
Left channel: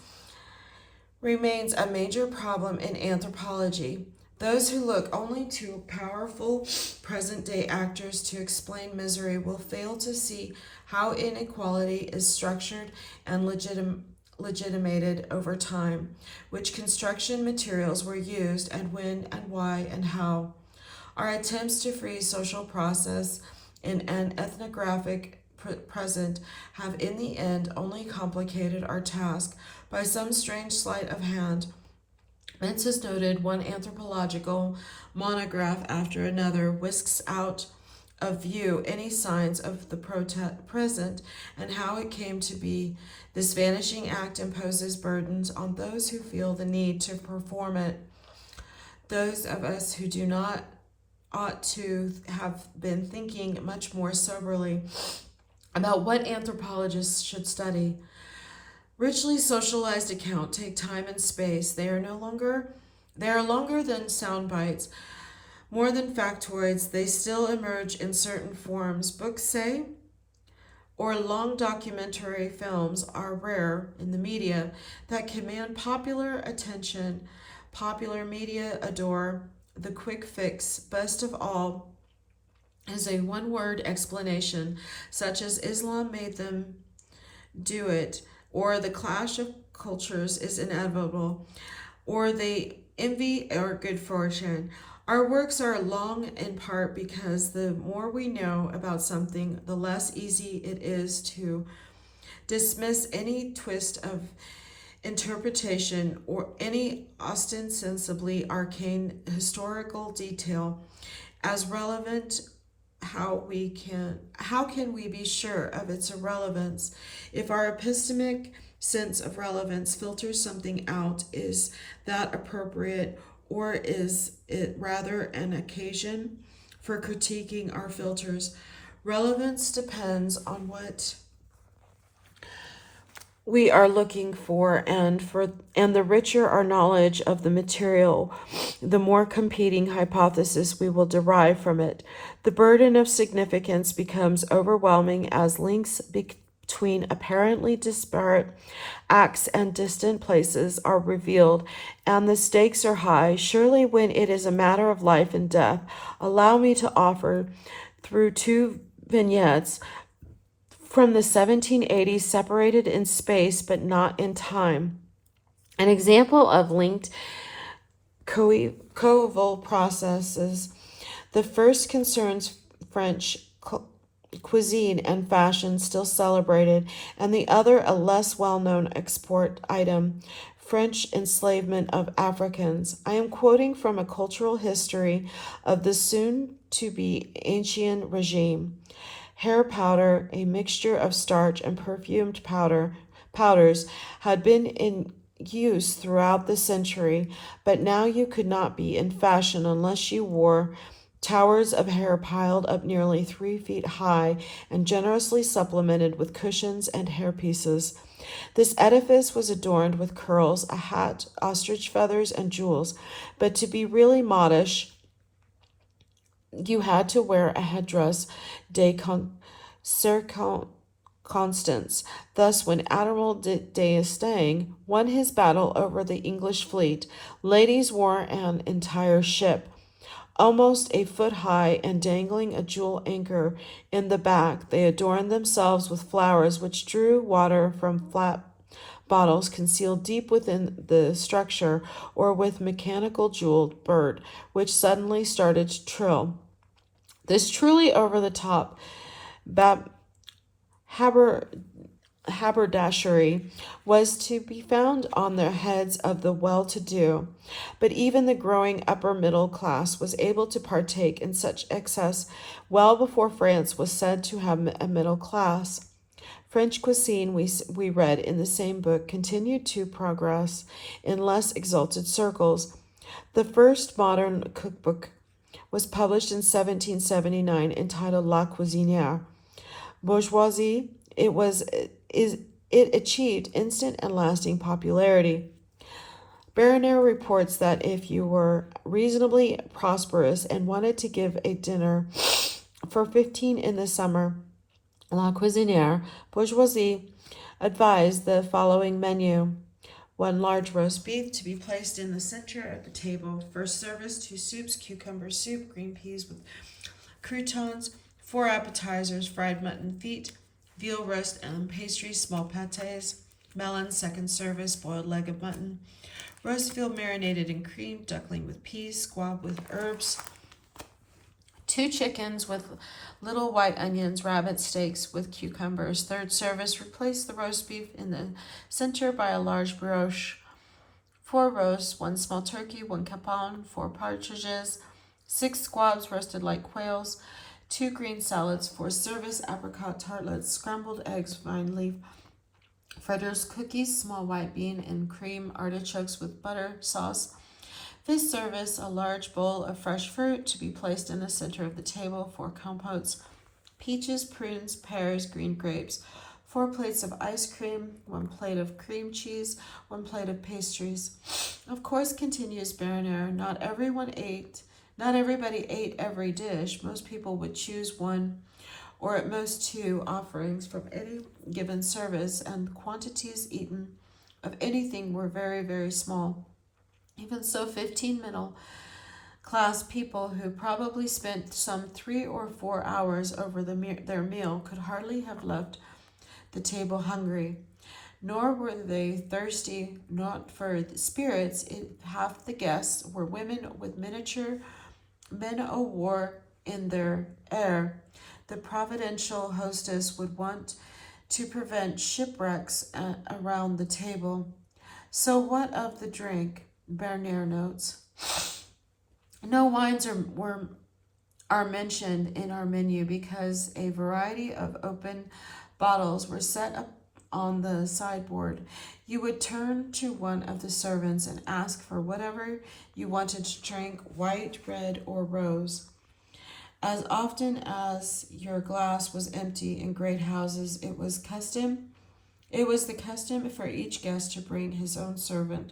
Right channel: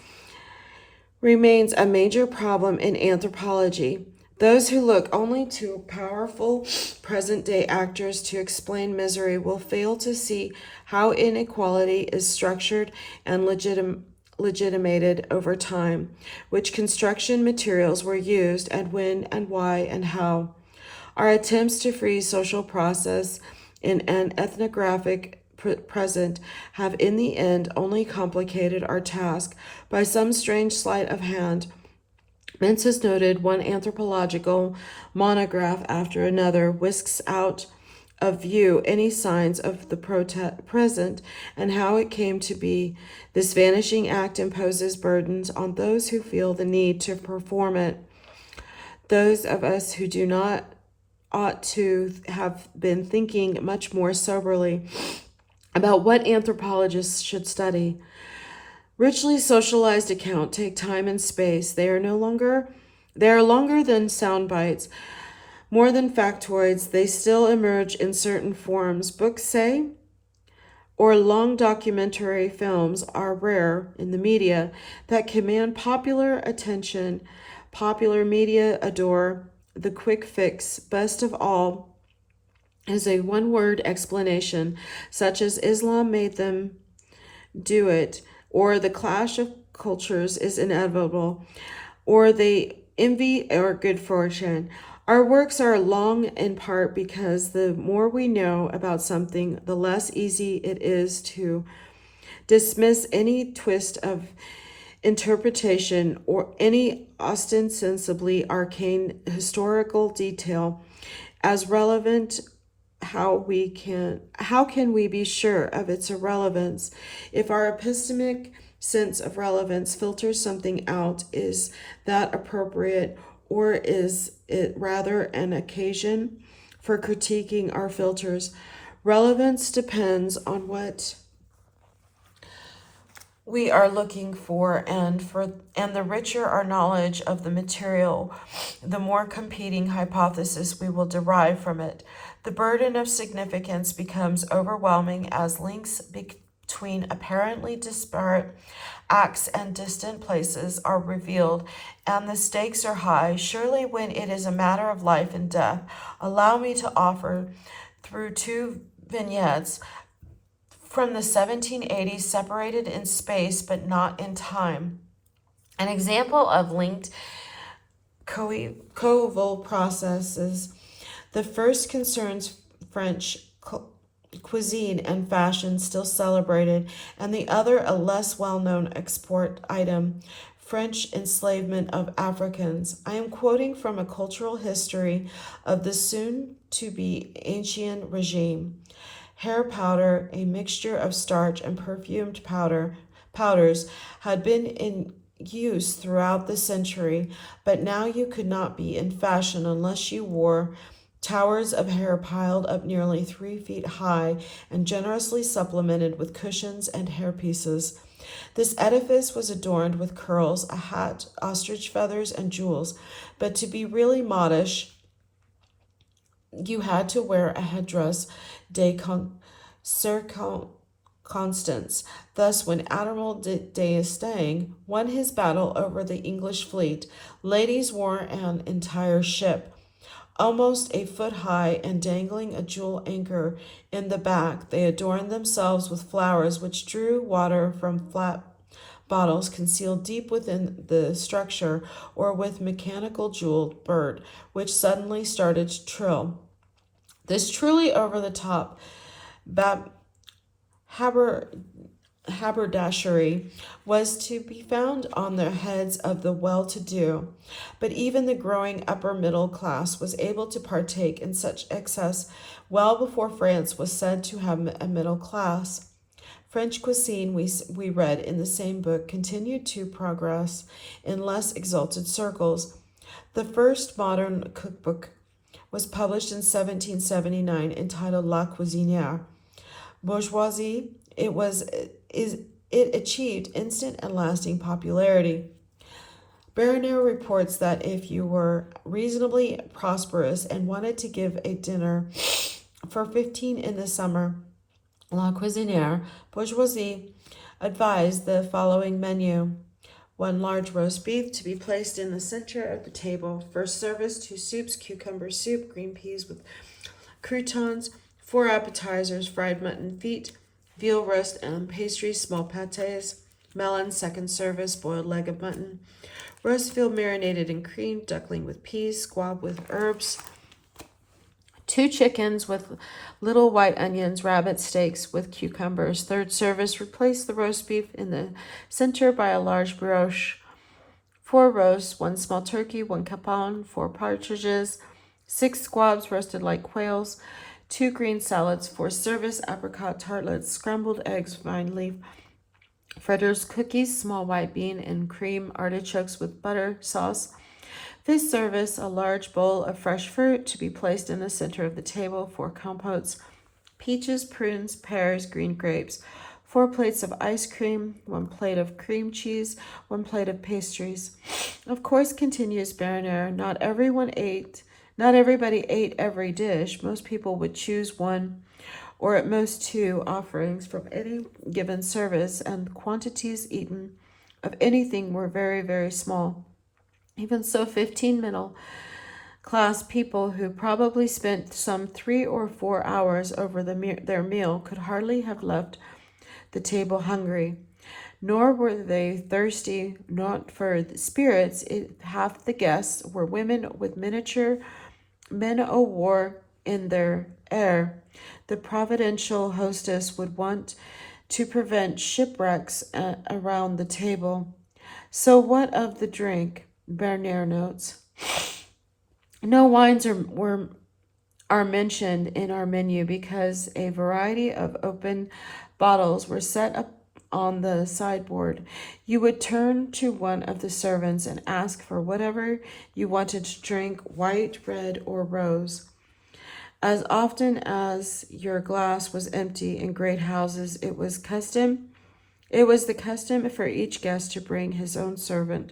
remains a major problem in anthropology. Those who look only to powerful present day actors to explain misery will fail to see how inequality is structured and legitimated over time, which construction materials were used, and when and why and how. Our attempts to freeze social process in an ethnographic present have in the end only complicated our task by some strange sleight of hand. Mintz has noted one anthropological monograph after another whisks out of view any signs of the present and how it came to be. This vanishing act imposes burdens on those who feel the need to perform it. Those of us who do not ought to have been thinking much more soberly about what anthropologists should study. Richly socialized accounts take time and space. They are longer than sound bites, more than factoids. They still emerge in certain forms. Books, say, or long documentary films are rare in the media that command popular attention. Popular media adore the quick fix. Best of all is a one-word explanation, such as Islam made them do it, or the clash of cultures is inevitable, or they envy or good fortune. Our works are long in part because the more we know about something, the less easy it is to dismiss any twist of interpretation or any ostensibly arcane historical detail as relevant. How can we be sure of its irrelevance? If our epistemic sense of relevance filters something out, is that appropriate, or is it rather an occasion for critiquing our filters? Relevance depends on what we are looking for, and the richer our knowledge of the material, the more competing hypotheses we will derive from it. The burden of significance becomes overwhelming as links between apparently disparate acts and distant places are revealed, and the stakes are high. Surely, when it is a matter of life and death, allow me to offer, through two vignettes from the 1780s, separated in space but not in time, an example of linked coeval processes. The first concerns French cuisine and fashion, still celebrated, and the other a less well-known export item, French enslavement of Africans. I am quoting from a cultural history of the soon-to-be ancient regime. Hair powder, a mixture of starch and perfumed powders, had been in use throughout the century, but now you could not be in fashion unless you wore towers of hair piled up nearly 3 feet high and generously supplemented with cushions and hairpieces. This edifice was adorned with curls, a hat, ostrich feathers, and jewels, but to be really modish, you had to wear a headdress de circonstance. Thus, when Admiral d'Estaing won his battle over the English fleet, ladies wore an entire ship, almost a foot high and dangling a jewel anchor in the back. They adorned themselves with flowers which drew water from flat bottles concealed deep within the structure, or with mechanical jeweled bird, which suddenly started to trill. This truly over-the-top haberdashery was to be found on the heads of the well-to-do, but even the growing upper middle class was able to partake in such excess well before France was said to have a middle class. French cuisine, we read in the same book, continued to progress in less exalted circles. The first modern cookbook was published in 1779, entitled La Cuisinière. Bourgeoisie, it achieved instant and lasting popularity. Bernier reports that if you were reasonably prosperous and wanted to give a dinner For 15 in the summer, La Cuisinière Bourgeoisie advised the following menu. 1 large roast beef to be placed in the center of the table. First service, 2 soups, cucumber soup, green peas with croutons, 4 appetizers, fried mutton feet, veal roast and pastries, small pâtés, melon. Second service, boiled leg of mutton, roast veal marinated in cream, duckling with peas, squab with herbs, 2 chickens with little white onions, rabbit steaks with cucumbers. Third service, replace the roast beef in the center by a large brioche. 4 roasts, 1 small turkey, 1 capon, 4 partridges, 6 squabs roasted like quails, 2 green salads. 4 service, apricot tartlets, scrambled eggs, vine leaf, fritters, cookies, small white bean and cream, artichokes with butter sauce. Fifth service, a large bowl of fresh fruit to be placed in the center of the table. 4 compotes, peaches, prunes, pears, green grapes. 4 plates of ice cream, 1 plate of cream cheese, 1 plate of pastries. Of course, continues Bernier, not everybody ate every dish. Most people would choose 1 or at most 2 offerings from any given service, and the quantities eaten of anything were very, very small. Even so, 15 middle class people who probably spent some 3 or 4 hours over their meal could hardly have left the table hungry. Nor were they thirsty, not for the spirits. Half the guests were women with miniature men o' war in their air. The providential hostess would want to prevent shipwrecks around the table. So what of the drink? Bernier notes. No wines are mentioned in our menu because a variety of open bottles were set up on the sideboard. You would turn to one of the servants and ask for whatever you wanted to drink, white, red, or rose. As often as your glass was empty in great houses, it was the custom for each guest to bring his own servant,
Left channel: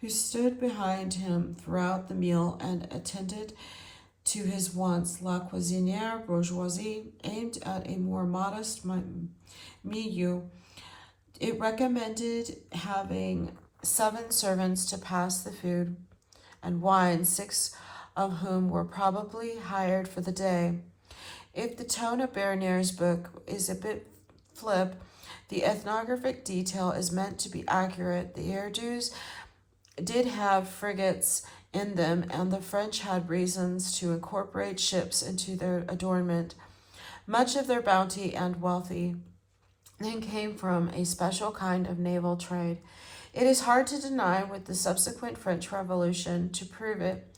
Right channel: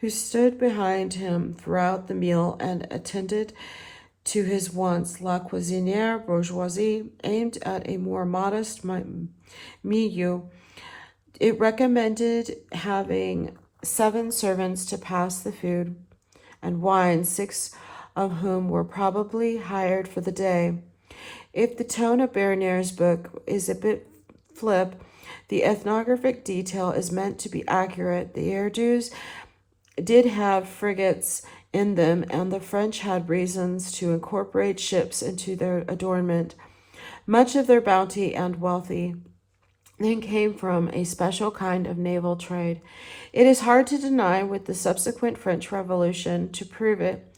who stood behind him throughout the meal and attended to his wants. La Cuisinière Bourgeoisie aimed at a more modest milieu. It recommended having 7 servants to pass the food and wine, 6 of whom were probably hired for the day. If the tone of Bernier's book is a bit flip, the ethnographic detail is meant to be accurate. The Herdus did have frigates in them, and the French had reasons to incorporate ships into their adornment. Much of their bounty and wealthy then came from a special kind of naval trade. It is hard to deny, with the subsequent French Revolution to prove it,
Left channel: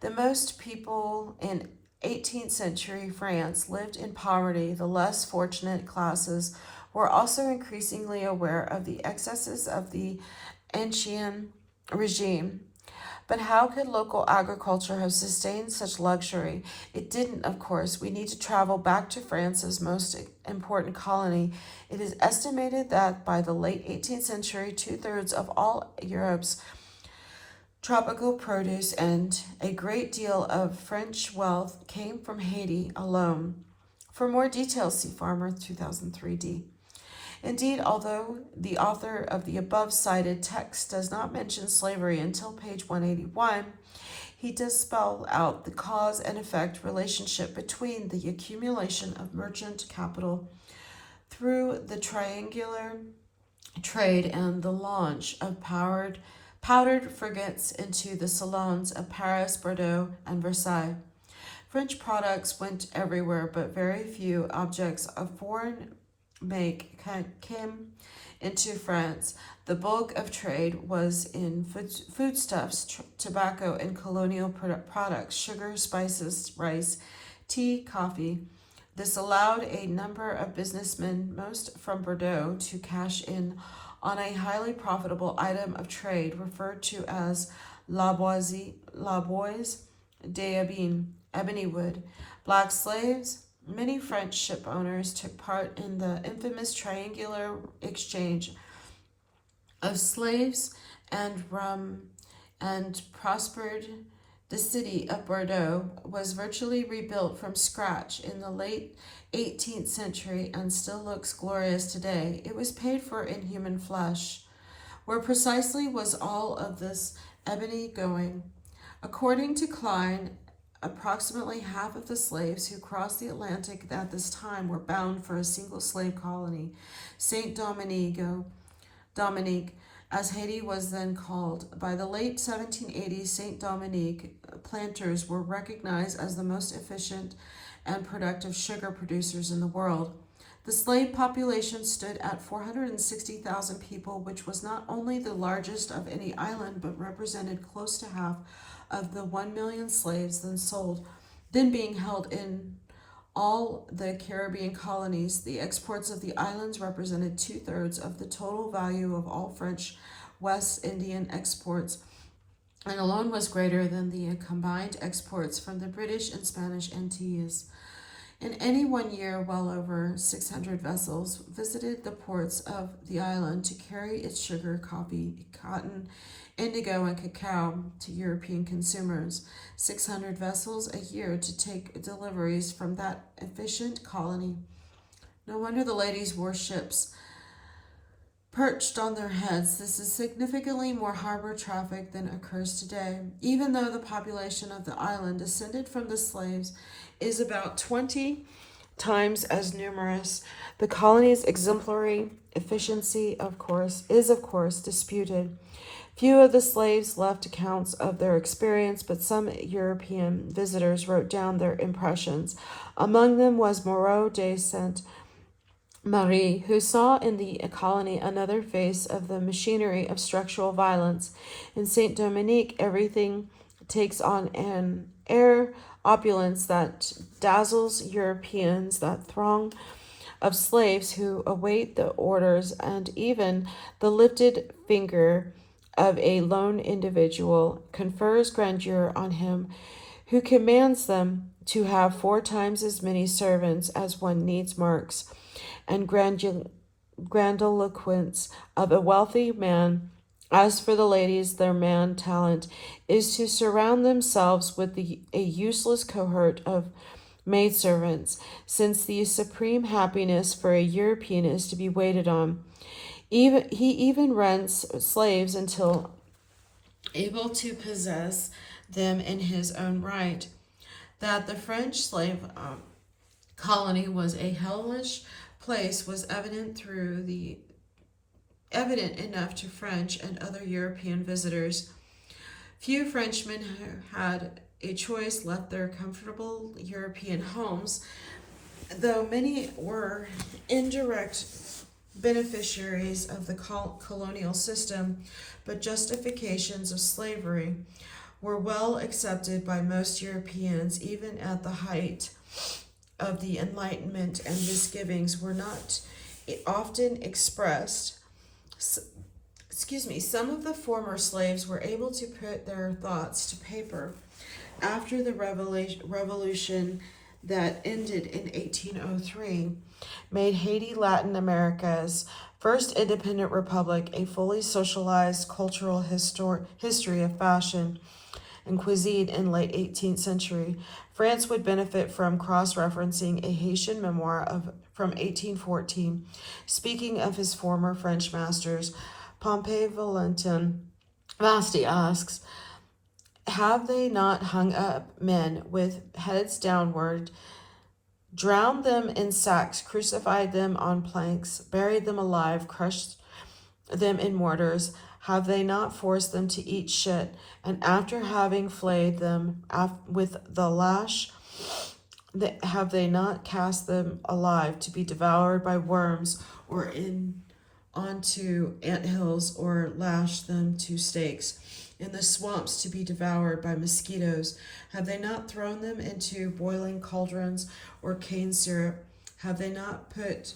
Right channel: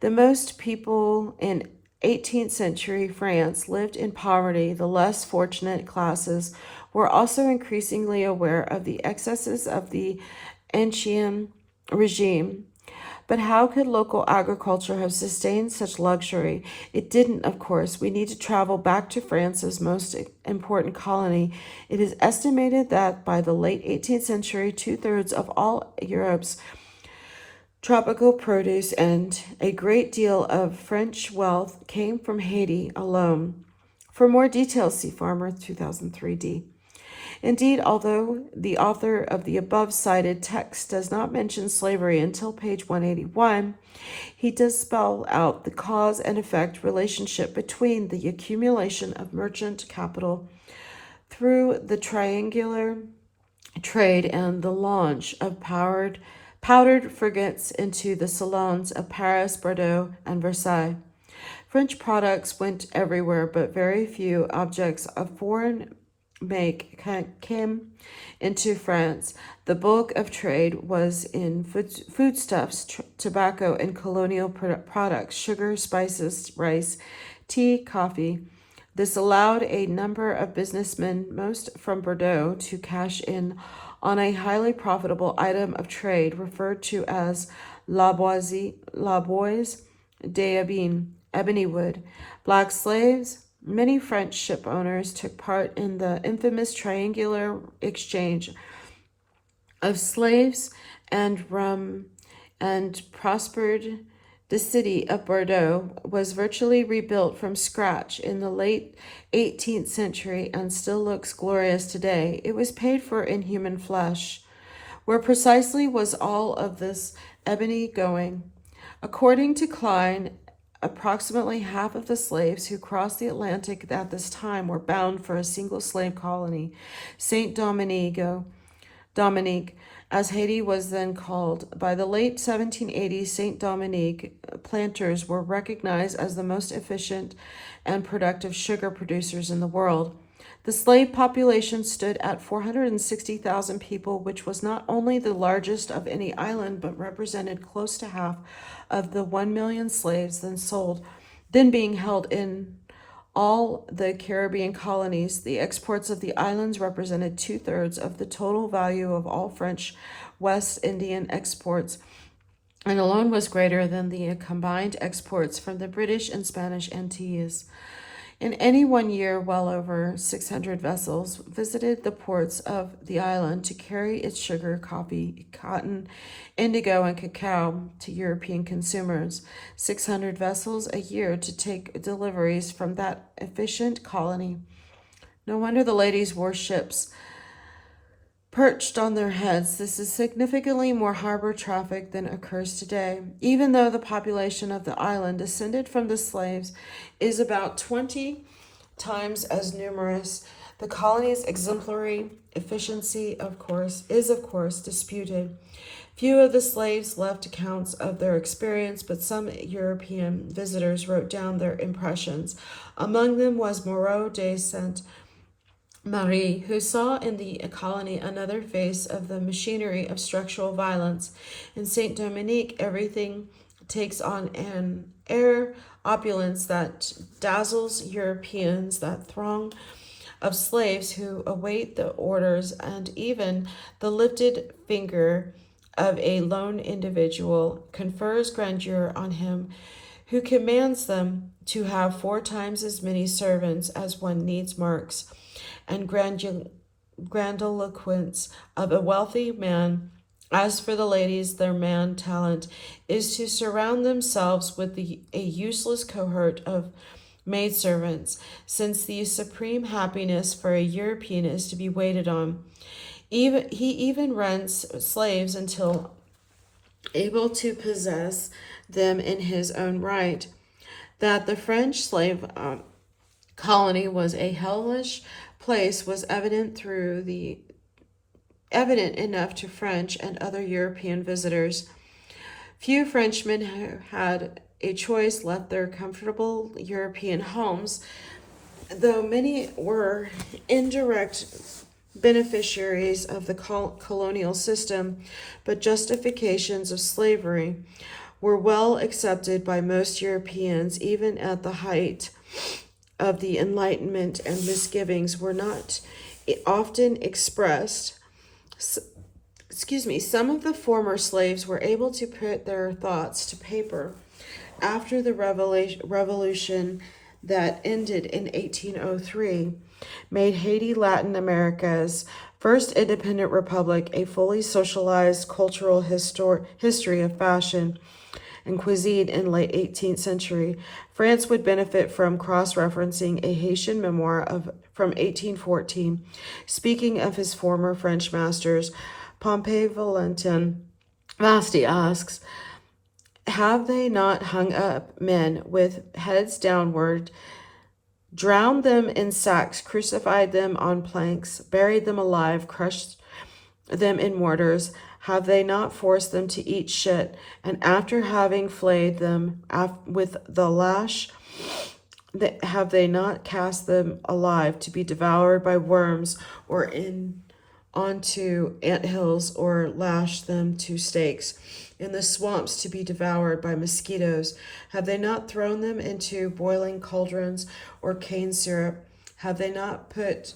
the most people in 18th century France lived in poverty. The less fortunate classes were also increasingly aware of the excesses of the ancien regime. But how could local agriculture have sustained such luxury? It didn't, of course. We need to travel back to France's most important colony. It is estimated that by the late 18th century, 2/3 of all Europe's tropical produce and a great deal of French wealth came from Haiti alone. For more details, see Farmer 2003D. Indeed, although the author of the above-cited text does not mention slavery until page 181, he does spell out the cause and effect relationship between the accumulation of merchant capital through the triangular trade and the launch of powdered frigates into the salons of Paris, Bordeaux, and Versailles. French products went everywhere, but very few objects of foreign make came into France. The bulk of trade was in foodstuffs, tobacco, and colonial products, sugar, spices, rice, tea, coffee. This allowed a number of businessmen, most from Bordeaux, to cash in on a highly profitable item of trade referred to as la boise d'ebene, ebony wood. Black slaves. Many French ship owners took part in the infamous triangular exchange of slaves and rum and prospered The city of Bordeaux was virtually rebuilt from scratch in the late 18th century and still looks glorious today. It was paid for in human flesh. Where precisely was all of this ebony going? According to Klein, approximately half of the slaves who crossed the Atlantic at this time were bound for a single slave colony, Saint Dominique, as Haiti was then called. By the late 1780s, Saint Dominique planters were recognized as the most efficient and productive sugar producers in the world. The slave population stood at 460,000 people, which was not only the largest of any island, but represented close to half of the 1 million slaves then being held in all the Caribbean colonies. The exports of the islands represented 2/3 of the total value of all French West Indian exports, and alone was greater than the combined exports from the British and Spanish Antilles. In any one year, well over 600 vessels visited the ports of the island to carry its sugar, coffee, cotton, indigo, and cacao to European consumers. 600 vessels a year to take deliveries from that efficient colony. No wonder the ladies wore ships perched on their heads. This is significantly more harbor traffic than occurs today. Even though the population of the island descended from the slaves is about 20 times as numerous, the colony's exemplary efficiency is of course disputed. Few of the slaves left accounts of their experience, but some European visitors wrote down their impressions. Among them was Moreau de Saint Marie, who saw in the colony another face of the machinery of structural violence. In Saint Dominique, everything takes on an air opulence that dazzles Europeans. That throng of slaves who await the orders and even the lifted finger of a lone individual confers grandeur on him who commands them to have 4 times as many servants as one needs marks, and grandiloquence of a wealthy man. As for the ladies, their man talent is to surround themselves with a useless cohort of maidservants, since the supreme happiness for a European is to be waited on. He even rents slaves until able to possess them in his own right. That the French slave colony was a hellish place was evident enough to French and other European visitors. Few Frenchmen who had a choice left their comfortable European homes, though many were indirect beneficiaries of the colonial system, but justifications of slavery were well accepted by most Europeans, even at the height of the Enlightenment, and misgivings were not often expressed. Some of the former slaves were able to put their thoughts to paper after the revolution that ended in 1803, made Haiti Latin America's first independent republic, a fully socialized cultural history of fashion and cuisine in late 18th century. France would benefit from cross-referencing a Haitian memoir from 1814. Speaking of his former French masters, Pompey Valentin Vasti asks, have they not hung up men with heads downward, drowned them in sacks, crucified them on planks, buried them alive, crushed them in mortars? Have they not forced them to eat shit, and after having flayed them with the lash, have they not cast them alive to be devoured by worms, or onto anthills, or lashed them to stakes in the swamps to be devoured by mosquitoes? Have they not thrown them into boiling cauldrons or cane syrup? Have they not put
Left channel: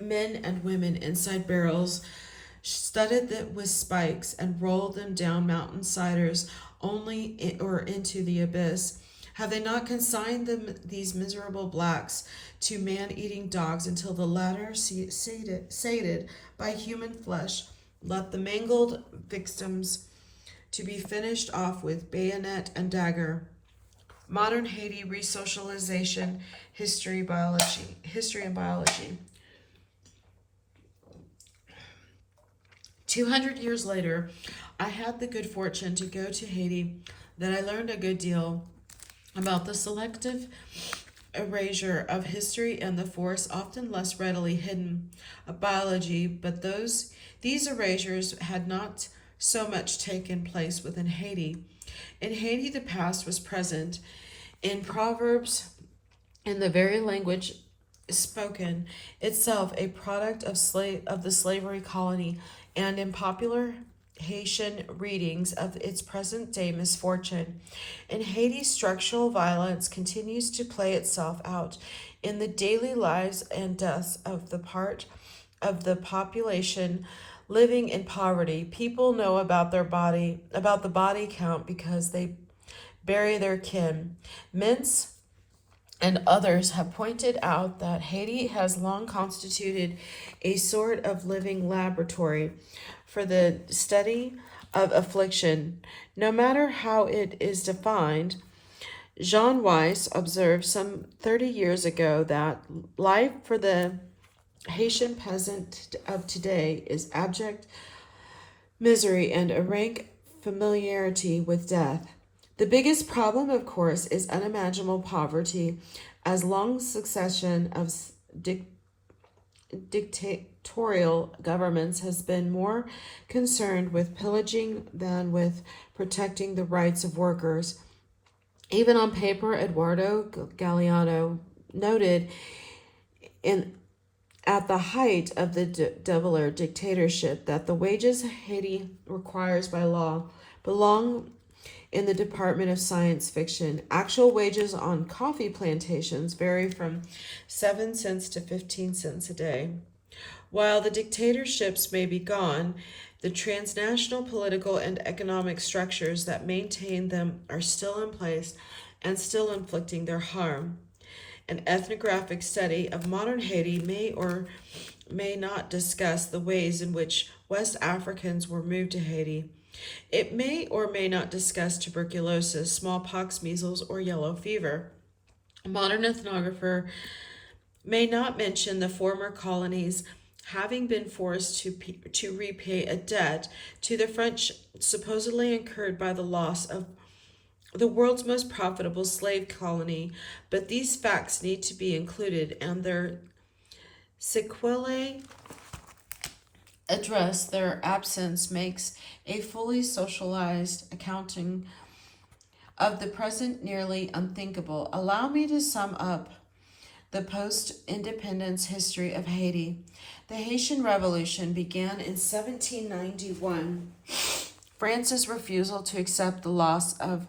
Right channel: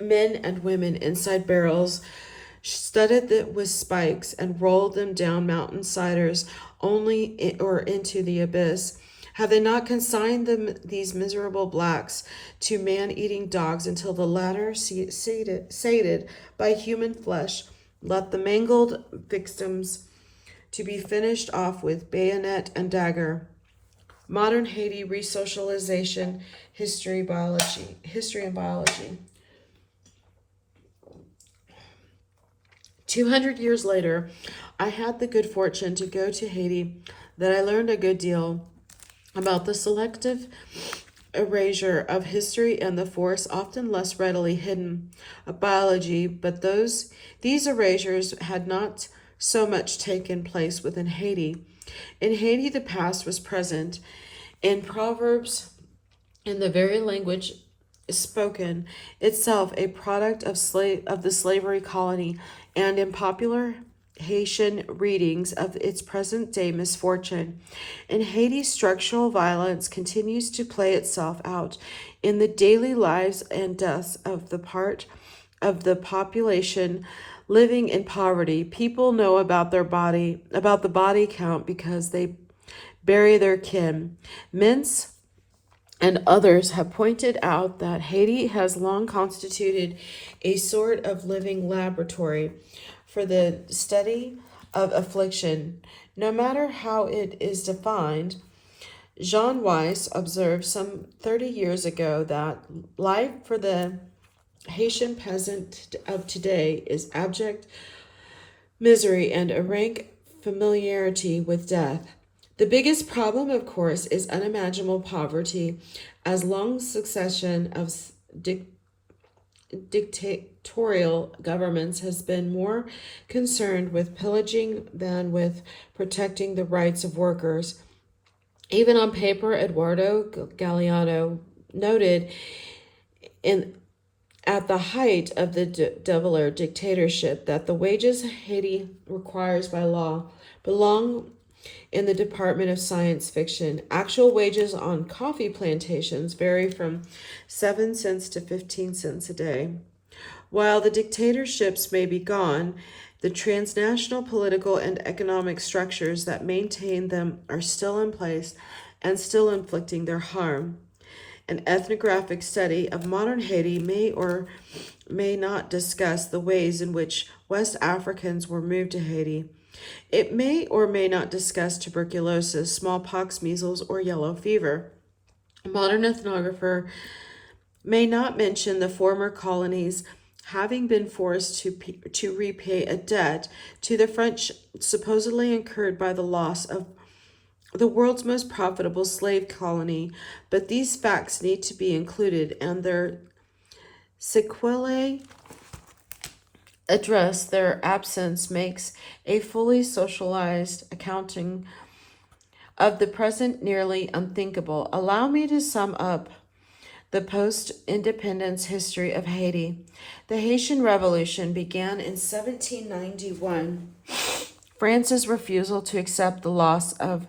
men and women inside barrels studded with spikes and rolled them down mountain-siders or into the abyss? Have they not consigned these miserable blacks to man-eating dogs until the latter, sated by human flesh, let the mangled victims to be finished off with bayonet and dagger. Modern Haiti resocialization, history and biology. 200 years later, I had the good fortune to go to Haiti that I learned a good deal about the selective erasure of history and the force often less readily hidden of biology, but these erasures had not so much taken place within Haiti. In Haiti, the past was present in proverbs, in the very language spoken, itself a product of the slavery colony, and in popular Haitian readings of its present-day misfortune. In Haiti, structural violence continues to play itself out in the daily lives and deaths of the part of the population living in poverty. People know about the body count because they bury their kin. Mintz and others have pointed out that Haiti has long constituted a sort of living laboratory for the study of affliction, no matter how it is defined. Jean Weiss observed some 30 years ago that life for the Haitian peasant of today is abject misery and a rank familiarity with death. The biggest problem, of course, is unimaginable poverty, as long succession of dictatorial governments has been more concerned with pillaging than with protecting the rights of workers. Even on paper, Eduardo Galeano noted at the height of the Develer dictatorship that the wages Haiti requires by law belong in the Department of Science Fiction. Actual wages on coffee plantations vary from 7 cents to 15 cents a day. While the dictatorships may be gone, the transnational political and economic structures that maintain them are still in place and still inflicting their harm. An ethnographic study of modern Haiti may or may not discuss the ways in which West Africans were moved to Haiti. It may or may not discuss tuberculosis, smallpox, measles, or yellow fever. A modern ethnographer may not mention the former colonies having been forced to repay a debt to the French supposedly incurred by the loss of the world's most profitable slave colony, but these facts need to be included, and their sequelae address their absence makes a fully socialized accounting of the present nearly unthinkable. Allow me to sum up the post-independence history of Haiti. The Haitian Revolution began in 1791. France's refusal to accept the loss of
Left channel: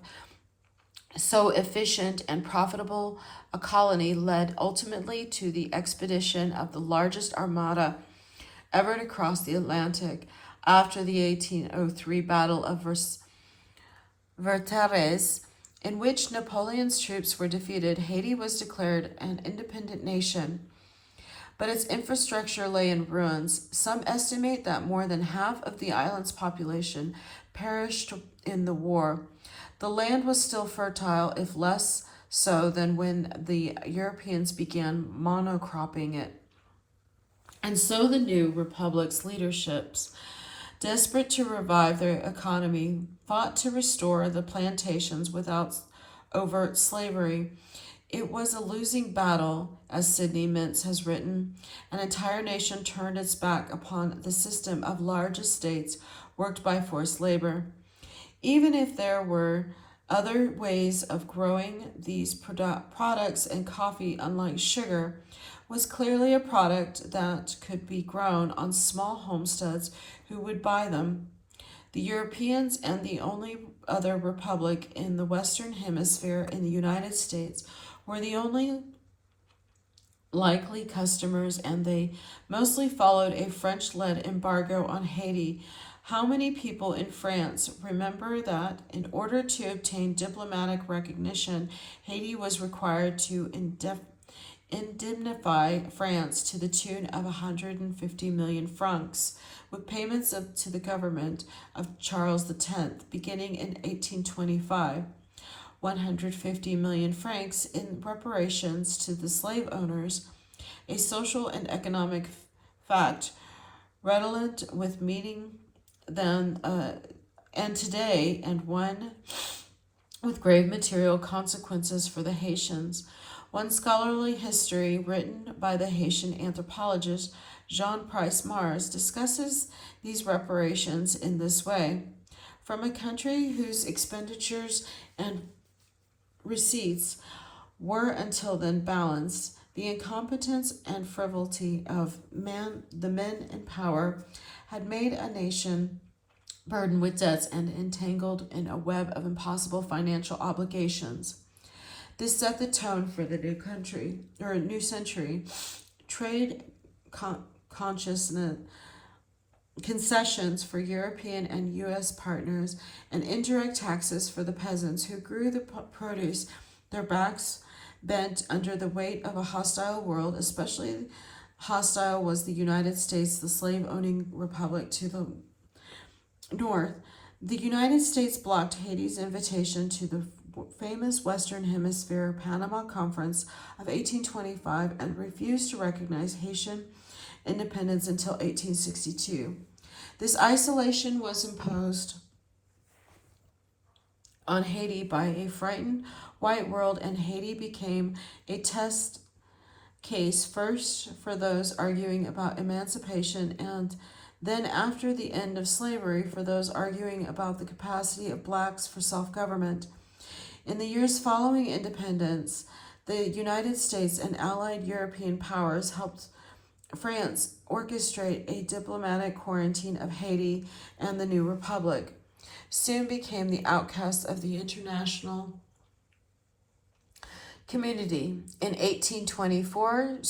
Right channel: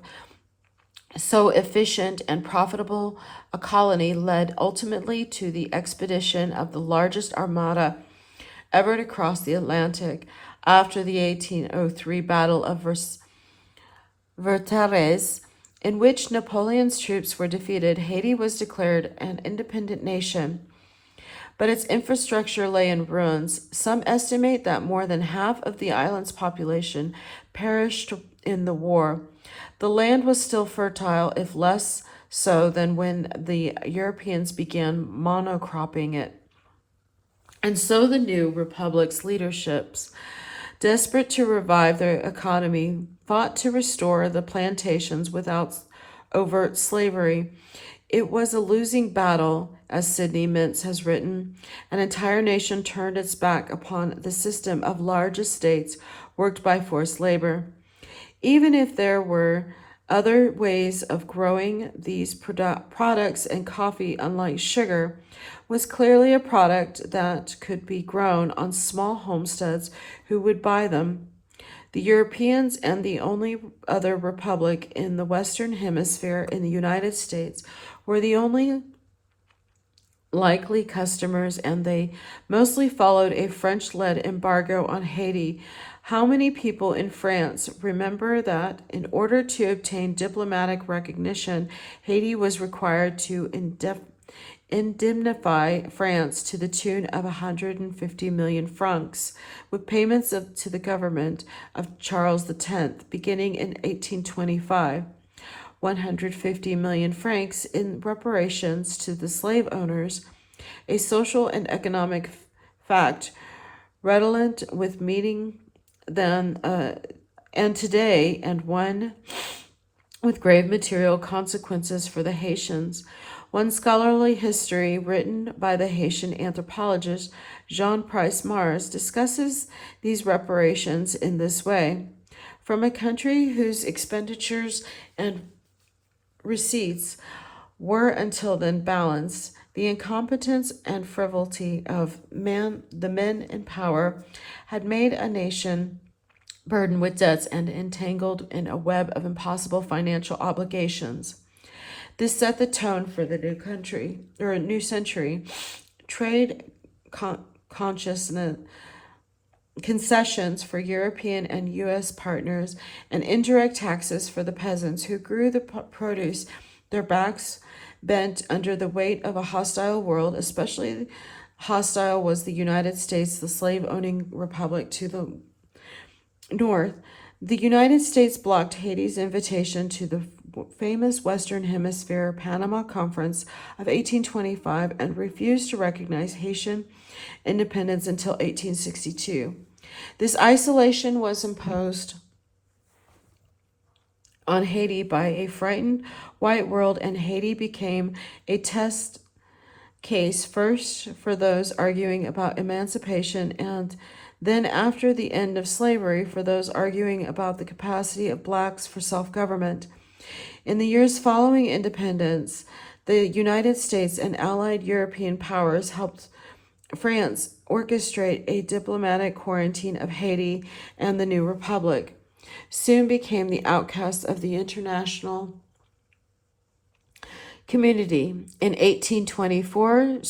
so efficient and profitable a colony led ultimately to the expedition of the largest armada ever to cross the Atlantic. After the 1803 Battle of Versailles, in which Napoleon's troops were defeated, Haiti was declared an independent nation, but its infrastructure lay in ruins. Some estimate that more than half of the island's population perished in the war. The land was still fertile, if less so than when the Europeans began monocropping it. And so the new republic's leaderships, desperate to revive their economy, fought to restore the plantations without overt slavery. It was a losing battle, as Sidney Mintz has written. An entire nation turned its back upon the system of large estates worked by forced labor. Even if there were other ways of growing these products, and coffee, unlike sugar, was clearly a product that could be grown on small homesteads who would buy them. The Europeans and the only other republic in the Western Hemisphere in the United States were the only likely customers, and they mostly followed a French-led embargo on Haiti. How many people in France remember that in order to obtain diplomatic recognition, Haiti was required to indemnify France to the tune of 150 million francs, with payments to the government of Charles X beginning in 1825. 150 million francs in reparations to the slave owners, a social and economic fact redolent with meeting then and today, and one with grave material consequences for the Haitians. One scholarly history written by the Haitian anthropologist Jean Price Mars discusses these reparations in this way. From a country whose expenditures and receipts were until then balanced, the incompetence and frivolity of the men in power had made a nation burdened with debts and entangled in a web of impossible financial obligations. This set the tone for the new century. Trade consciousness, concessions for European and U.S. partners, and indirect taxes for the peasants who grew the produce, their backs bent under the weight of a hostile world. Especially hostile was the United States, the slave-owning republic to the north. The United States blocked Haiti's invitation to the famous Western Hemisphere Panama Conference of 1825 and refused to recognize Haitian independence until 1862. This isolation was imposed on Haiti by a frightened white world, and Haiti became a test case first for those arguing about emancipation, and then, after the end of slavery, for those arguing about the capacity of blacks for self-government. In the years following independence, the United States and allied European powers helped France orchestrate a diplomatic quarantine of Haiti, and the new republic soon became the outcast of the international community. In 1824,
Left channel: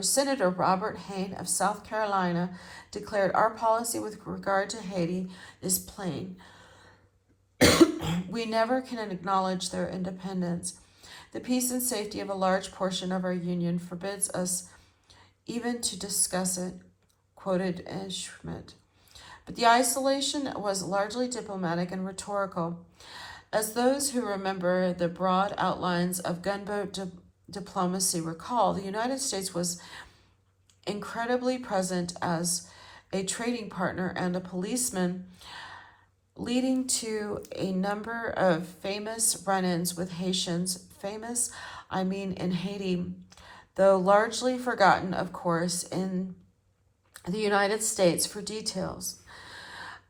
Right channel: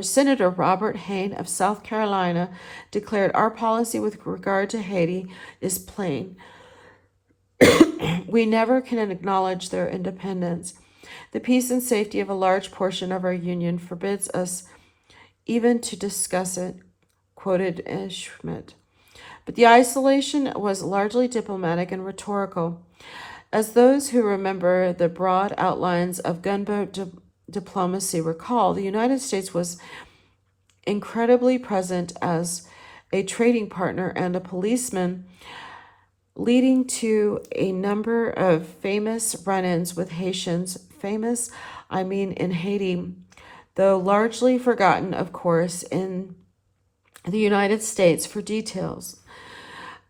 Senator Robert Hayne of South Carolina declared, "Our policy with regard to Haiti is plain. We never can acknowledge their independence. The peace and safety of a large portion of our union forbids us even to discuss it," quoted Schmidt. But the isolation was largely diplomatic and rhetorical. As those who remember the broad outlines of gunboat diplomacy recall, the United States was incredibly present as a trading partner and a policeman, leading to a number of famous run-ins with Haitians. Famous, I mean in Haiti, though largely forgotten, of course, in the United States for details.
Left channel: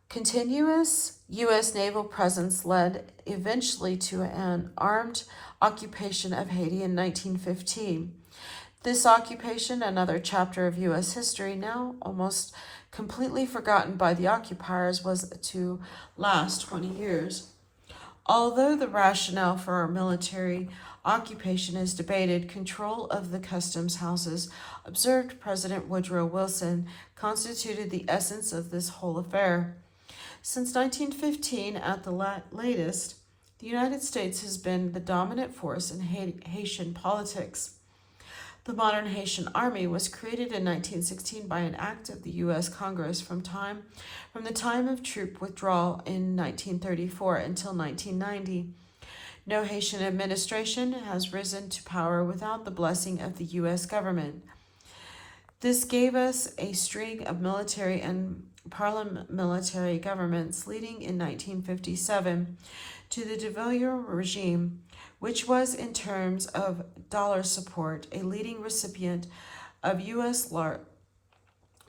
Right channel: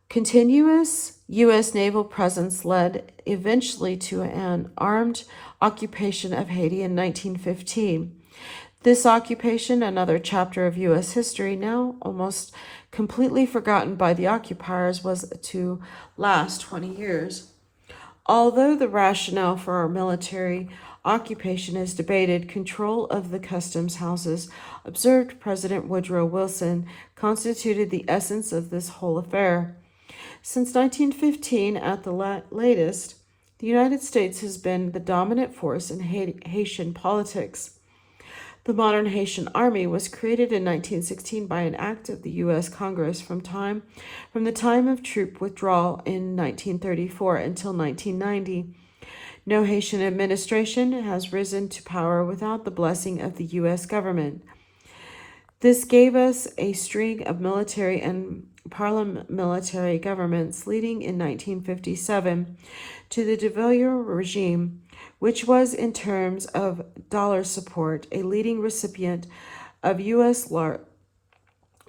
Continuous U.S. naval presence led eventually to an armed occupation of Haiti in 1915. This occupation, another chapter of U.S. history, now almost completely forgotten by the occupiers, was to last 20 years. Although the rationale for our military occupation is debated, control of the customs houses, observed President Woodrow Wilson, constituted the essence of this whole affair. Since 1915, at the latest, the United States has been the dominant force in Haitian politics. The modern Haitian army was created in 1916 by an act of the U.S. Congress from the time of troop withdrawal in 1934 until 1990. No Haitian administration has risen to power without the blessing of the U.S. government. This gave us a string of military and paramilitary governments, leading in 1957 to the de Villiers regime, which was, in terms of dollar support, a leading recipient of U.S.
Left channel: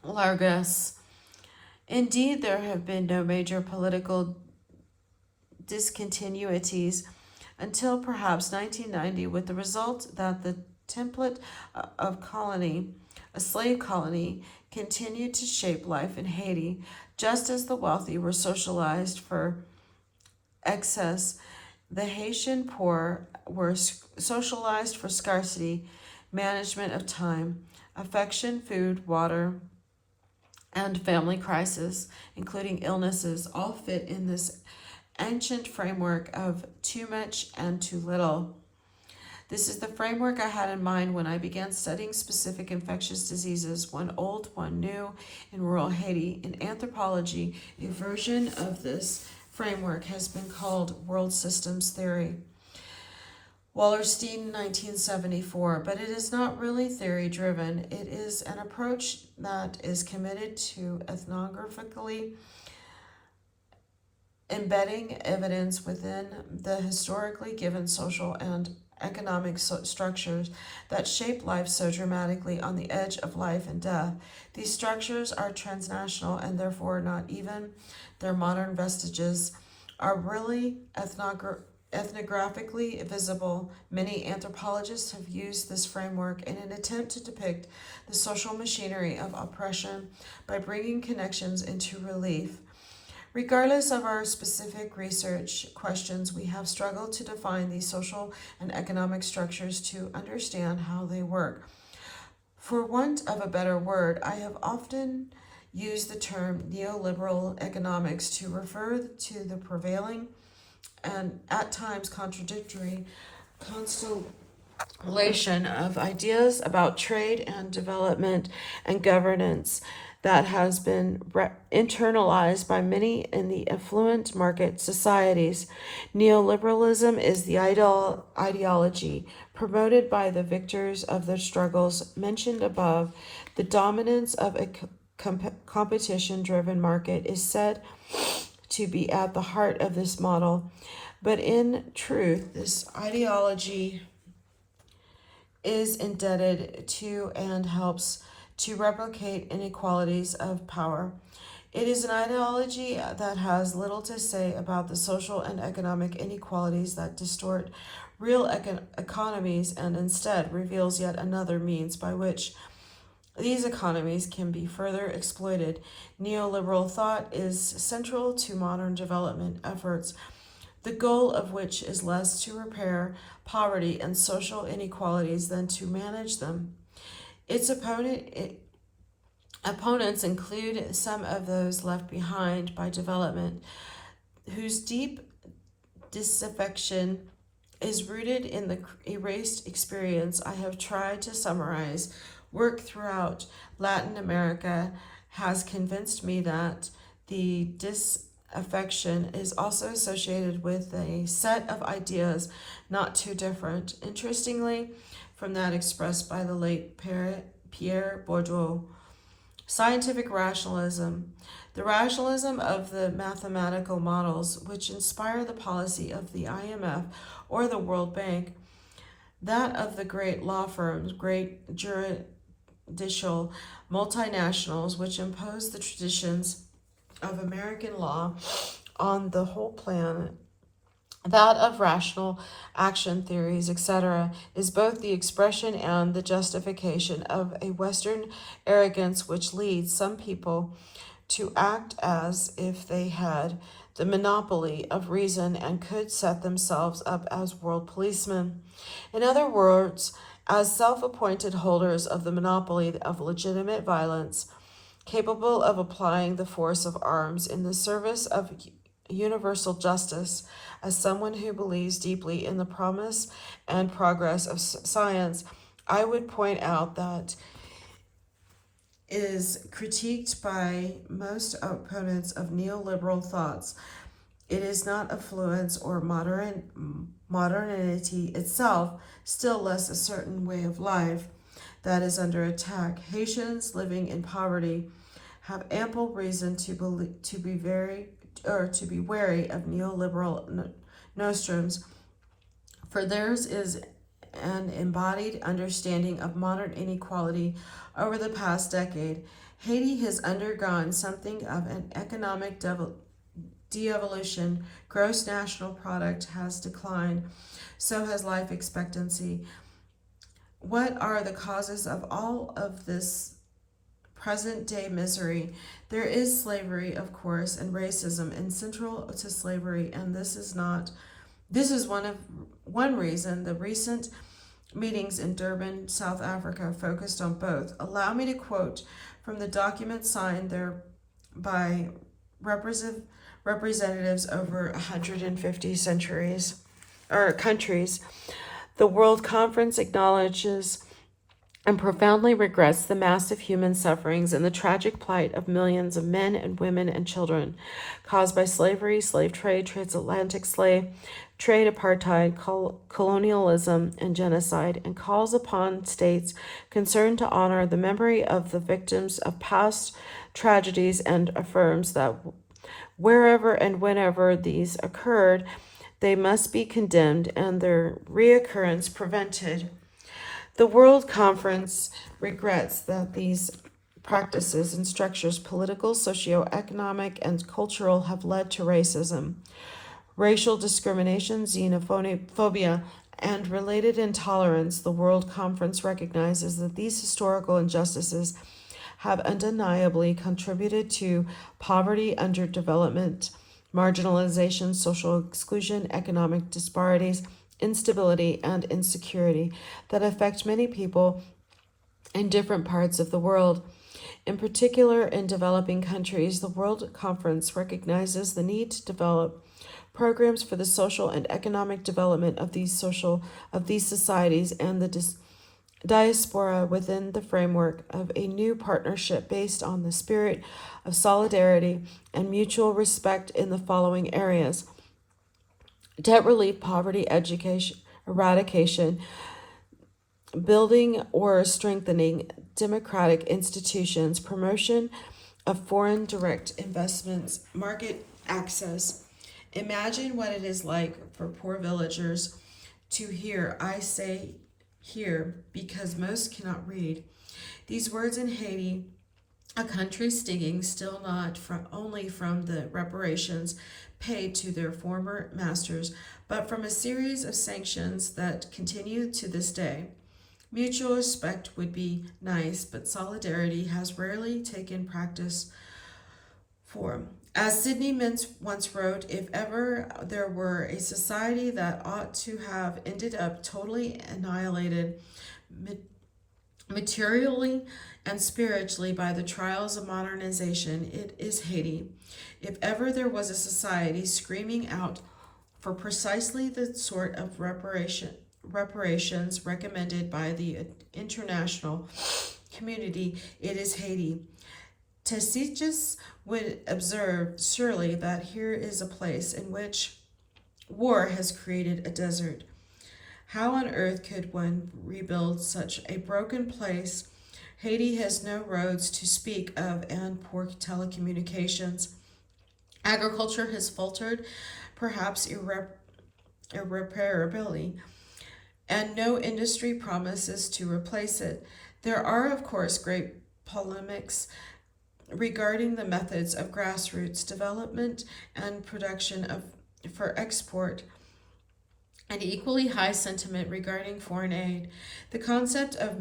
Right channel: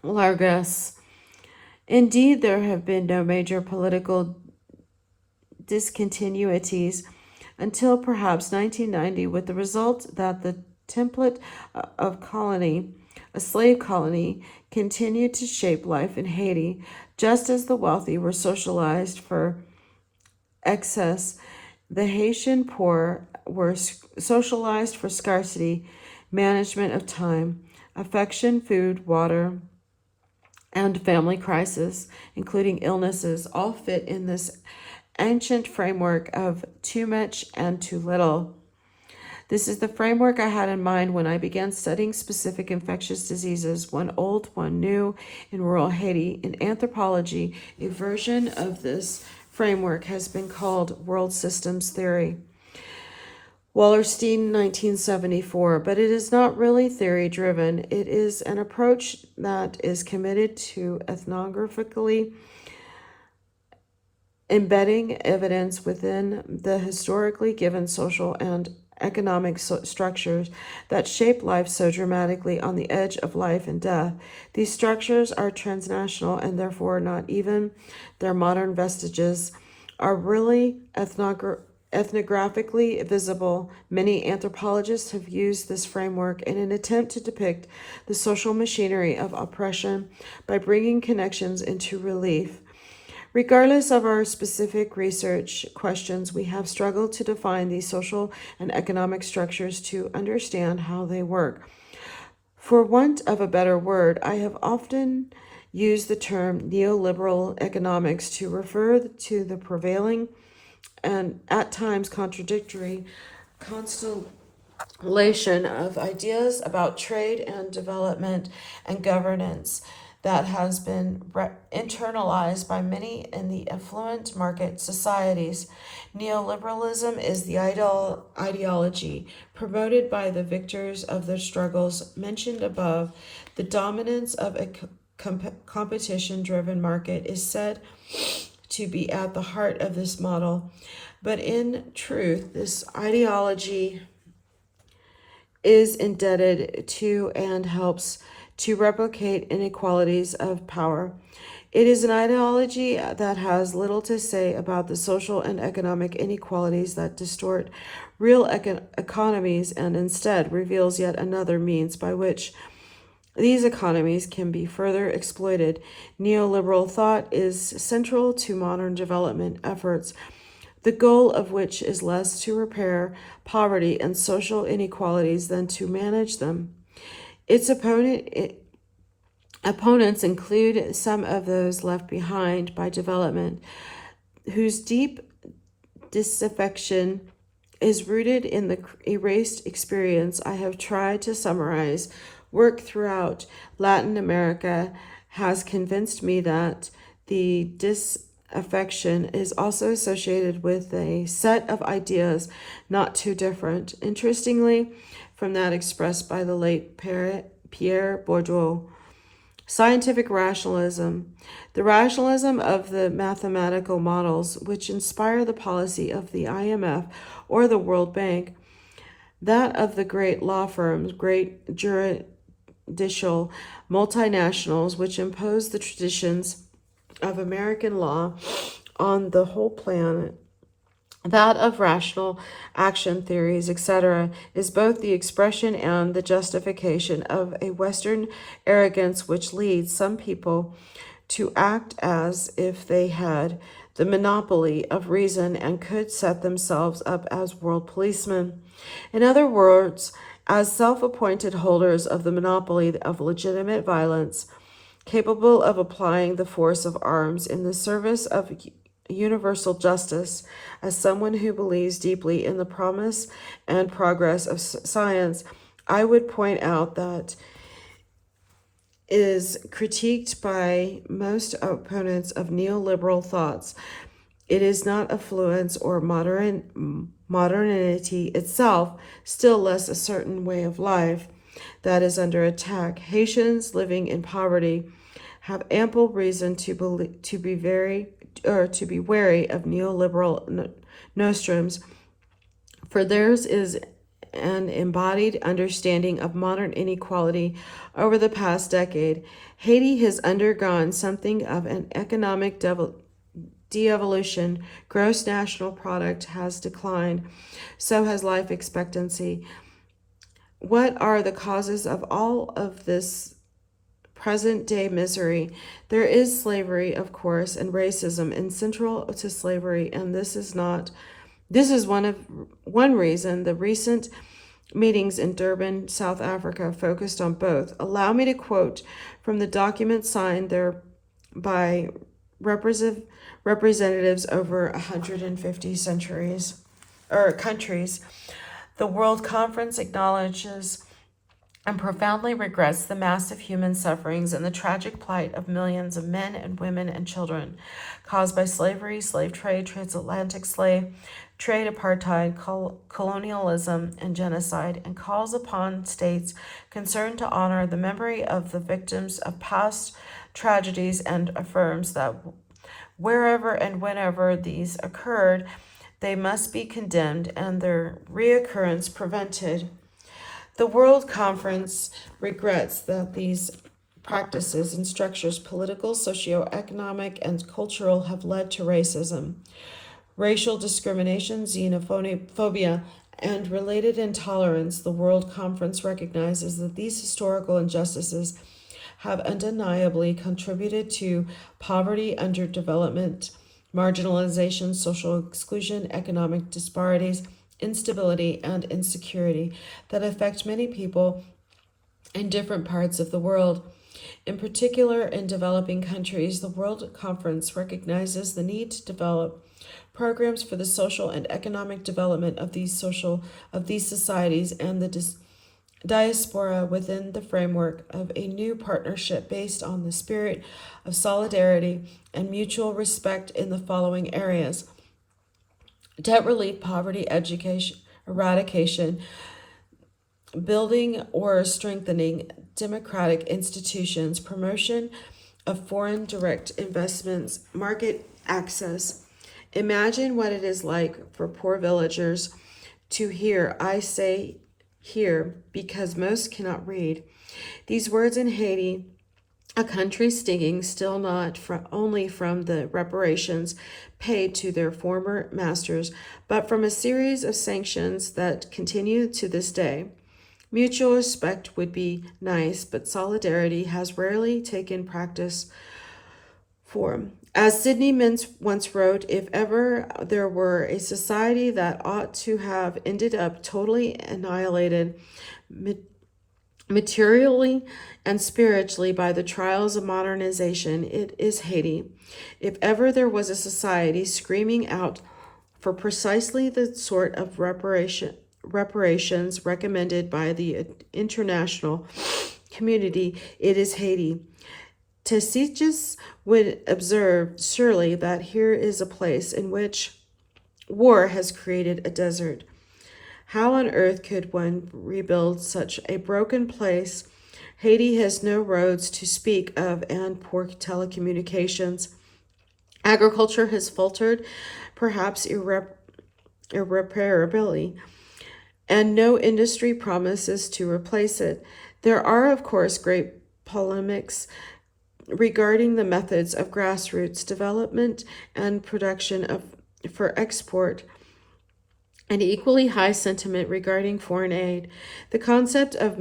largesse. Indeed, there have been no major political discontinuities until perhaps 1990, with the result that the template of colony, a slave colony, continued to shape life in Haiti, just as the wealthy were socialized for excess. The Haitian poor were socialized for scarcity, management of time, affection, food, water, and family crisis, including illnesses, all fit in this ancient framework of too much and too little. This is the framework I had in mind when I began studying specific infectious diseases, one old, one new, in rural Haiti. In anthropology, a version of this framework has been called world systems theory. Wallerstein, 1974, but it is not really theory driven. It is an approach that is committed to ethnographically embedding evidence within the historically given social and economic structures that shape life so dramatically on the edge of life and death. These structures are transnational, and therefore not even their modern vestiges are really ethnographically visible. Many anthropologists have used this framework in an attempt to depict the social machinery of oppression by bringing connections into relief. Regardless of our specific research questions, we have struggled to define these social and economic structures to understand how they work. For want of a better word, I have often used the term neoliberal economics to refer to the prevailing and at times contradictory constellation of ideas about trade and development and governance that has been internalized by many in the affluent market societies. Neoliberalism is the ideology promoted by the victors of the struggles mentioned above. The dominance of a competition-driven market is said to be at the heart of this model, but in truth, this ideology is indebted to and helps to replicate inequalities of power. It is an ideology that has little to say about the social and economic inequalities that distort real economies and instead reveals yet another means by which these economies can be further exploited. Neoliberal thought is central to modern development efforts, the goal of which is less to repair poverty and social inequalities than to manage them. Its opponents include some of those left behind by development, whose deep disaffection is rooted in the erased experience I have tried to summarize. Work throughout Latin America has convinced me that the disaffection is also associated with a set of ideas not too different, interestingly, from that expressed by the late Pierre Bourdieu. Scientific rationalism, the rationalism of the mathematical models which inspire the policy of the IMF or the World Bank, that of the great law firms, great judicial multinationals which impose the traditions of American law on the whole planet, that of rational action theories, etc., is both the expression and the justification of a Western arrogance which leads some people to act as if they had the monopoly of reason and could set themselves up as world policemen. In other words, as self-appointed holders of the monopoly of legitimate violence, capable of applying the force of arms in the service of universal justice. As someone who believes deeply in the promise and progress of science, I would point out that is critiqued by most opponents of neoliberal thoughts. It is not affluence or modernity itself, still less a certain way of life, that is under attack. Haitians living in poverty have ample reason to be wary of neoliberal nostrums, for theirs is an embodied understanding of modern inequality over the past decade. Haiti has undergone something of an economic de-evolution. Gross national product has declined, so has life expectancy. What are the causes of all of this present day misery? There is slavery, of course, and racism, and central to slavery, and this is one reason the recent meetings in Durban, South Africa, focused on both. Allow me to quote from the document signed there by representatives over 150 countries. The World Conference acknowledges and profoundly regrets the massive human sufferings and the tragic plight of millions of men and women and children caused by slavery, slave trade, transatlantic slave trade, apartheid, colonialism, and genocide, and calls upon states concerned to honor the memory of the victims of past tragedies and affirms that wherever and whenever these occurred, they must be condemned and their reoccurrence prevented. The World Conference regrets that these practices and structures, political, socioeconomic, and cultural, have led to racism, racial discrimination, xenophobia, and related intolerance. The World Conference recognizes that these historical injustices have undeniably contributed to poverty, underdevelopment, marginalization, social exclusion, economic disparities, instability, and insecurity that affect many people in different parts of the world. In particular, in developing countries, the World Conference recognizes the need to develop programs for the social and economic development of these societies and the diaspora within the framework of a new partnership based on the spirit of solidarity and mutual respect in the following areas: debt relief, poverty, education, eradication, building or strengthening democratic institutions, promotion of foreign direct investments, market access. Imagine what it is like for poor villagers to hear, I say here, because most cannot read, these words in Haiti, a country stinging still not only from the reparations paid to their former masters, but from a series of sanctions that continue to this day. Mutual respect would be nice, but solidarity has rarely taken practice form. As Sidney Mintz once wrote, if ever there were a society that ought to have ended up totally annihilated materially and spiritually by the trials of modernization, it is Haiti. If ever there was a society screaming out for precisely the sort of reparations recommended by the international community, it is Haiti. Tacitus would observe surely that here is a place in which war has created a desert. How on earth could one rebuild such a broken place? Haiti has no roads to speak of and poor telecommunications. Agriculture has faltered, perhaps irreparably, and no industry promises to replace it. There are, of course, great polemics regarding the methods of grassroots development and production for export, and equally high sentiment regarding foreign aid. The concept of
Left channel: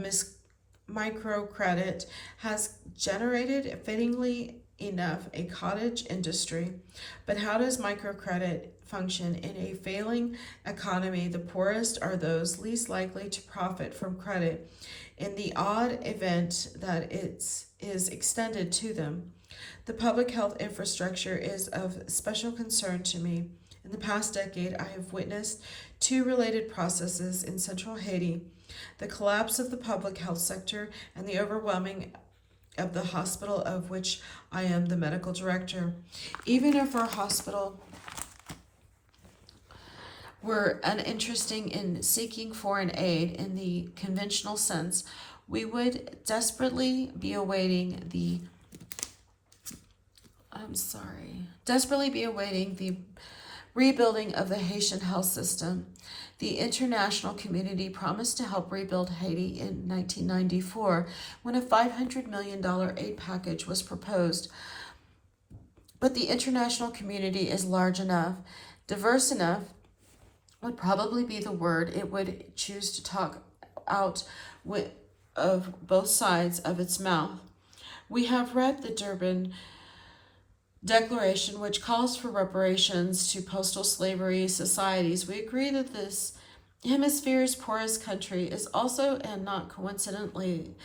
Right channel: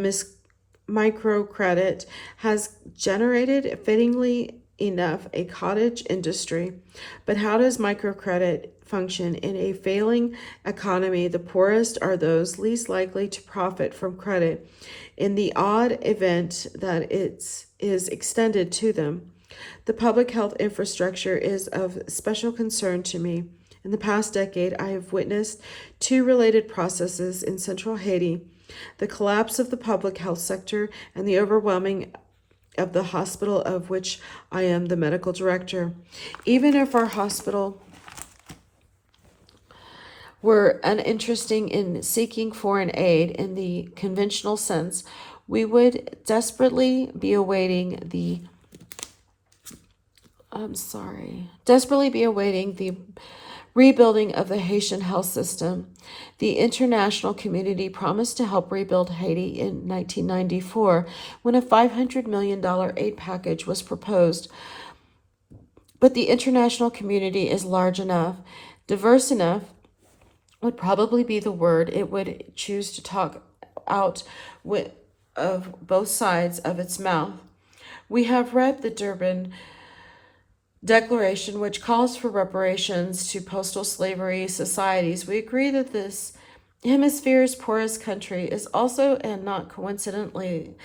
microcredit has generated, fittingly enough, a cottage industry. But how does microcredit function in a failing economy? The poorest are those least likely to profit from credit in the odd event that it is extended to them. The public health infrastructure is of special concern to me. In the past decade, I have witnessed two related processes in central Haiti: the collapse of the public health sector and the overwhelming of the hospital of which I am the medical director. Even if our hospital were uninteresting in seeking foreign aid in the conventional sense, we would desperately be awaiting the rebuilding of the Haitian health system. The international community promised to help rebuild Haiti in 1994 when a $500 million aid package was proposed. But the international community is large enough, diverse enough, would probably be the word it would choose to talk out of both sides of its mouth. We have read the Durban Declaration, which calls for reparations to postal slavery societies. We agree that this hemisphere's poorest country is also, and not coincidentally,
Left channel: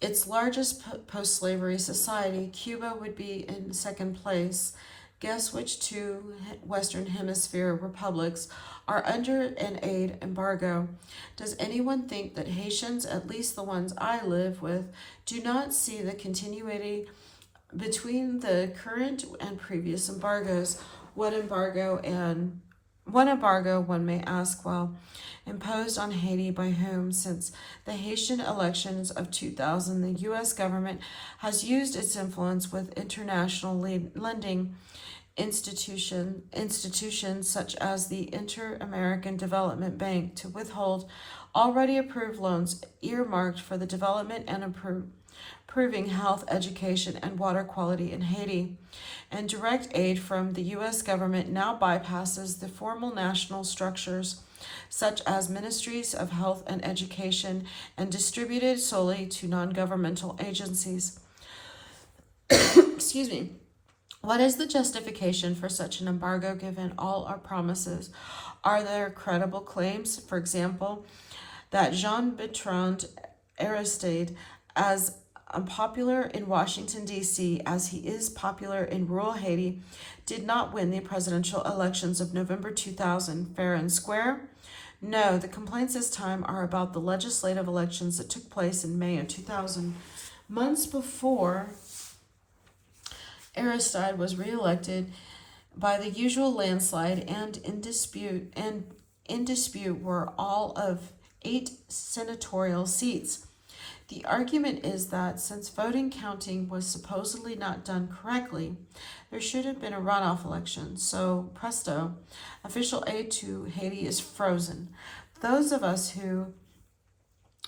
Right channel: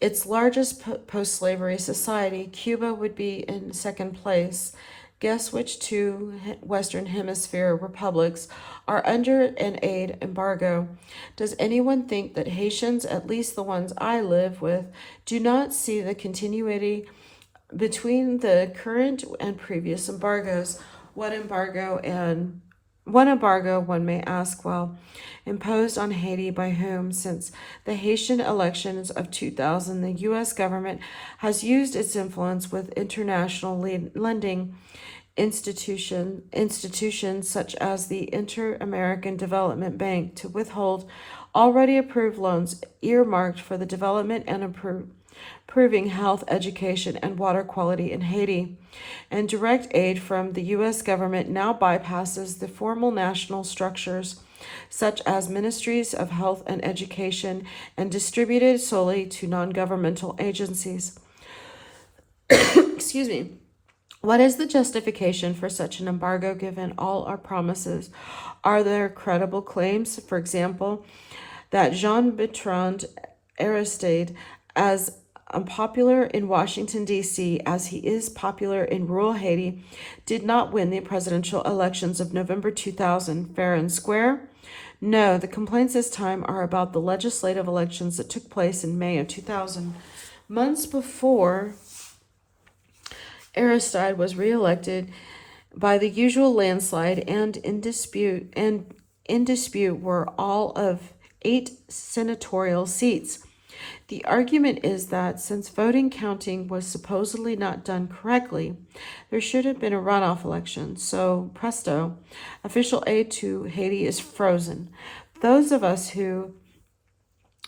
its largest post-slavery society. Cuba would be in second place. Guess which two Western Hemisphere republics are under an aid embargo. Does anyone think that Haitians, at least the ones I live with, do not see the continuity between the current and previous embargoes? What embargo, one may ask, well, imposed on Haiti by whom? Since the Haitian elections of 2000, the U.S. government has used its influence with international lending institutions such as the Inter-American Development Bank to withhold already approved loans earmarked for the development and improving health, education, and water quality in Haiti. And direct aid from the U.S. government now bypasses the formal national structures such as ministries of health and education and distributed solely to non-governmental agencies. Excuse me. What is the justification for such an embargo given all our promises? Are there credible claims, for example, that Jean-Bertrand Aristide, as unpopular in Washington, D.C. as he is popular in rural Haiti, did not win the presidential elections of November 2000 fair and square? No, the complaints this time are about the legislative elections that took place in May of 2000. Months before Aristide was reelected by the usual landslide, and in dispute were all of 8 senatorial seats. The argument is that since voting counting was supposedly not done correctly, there should have been a runoff election. So, presto, official aid to Haiti is frozen. Those of us who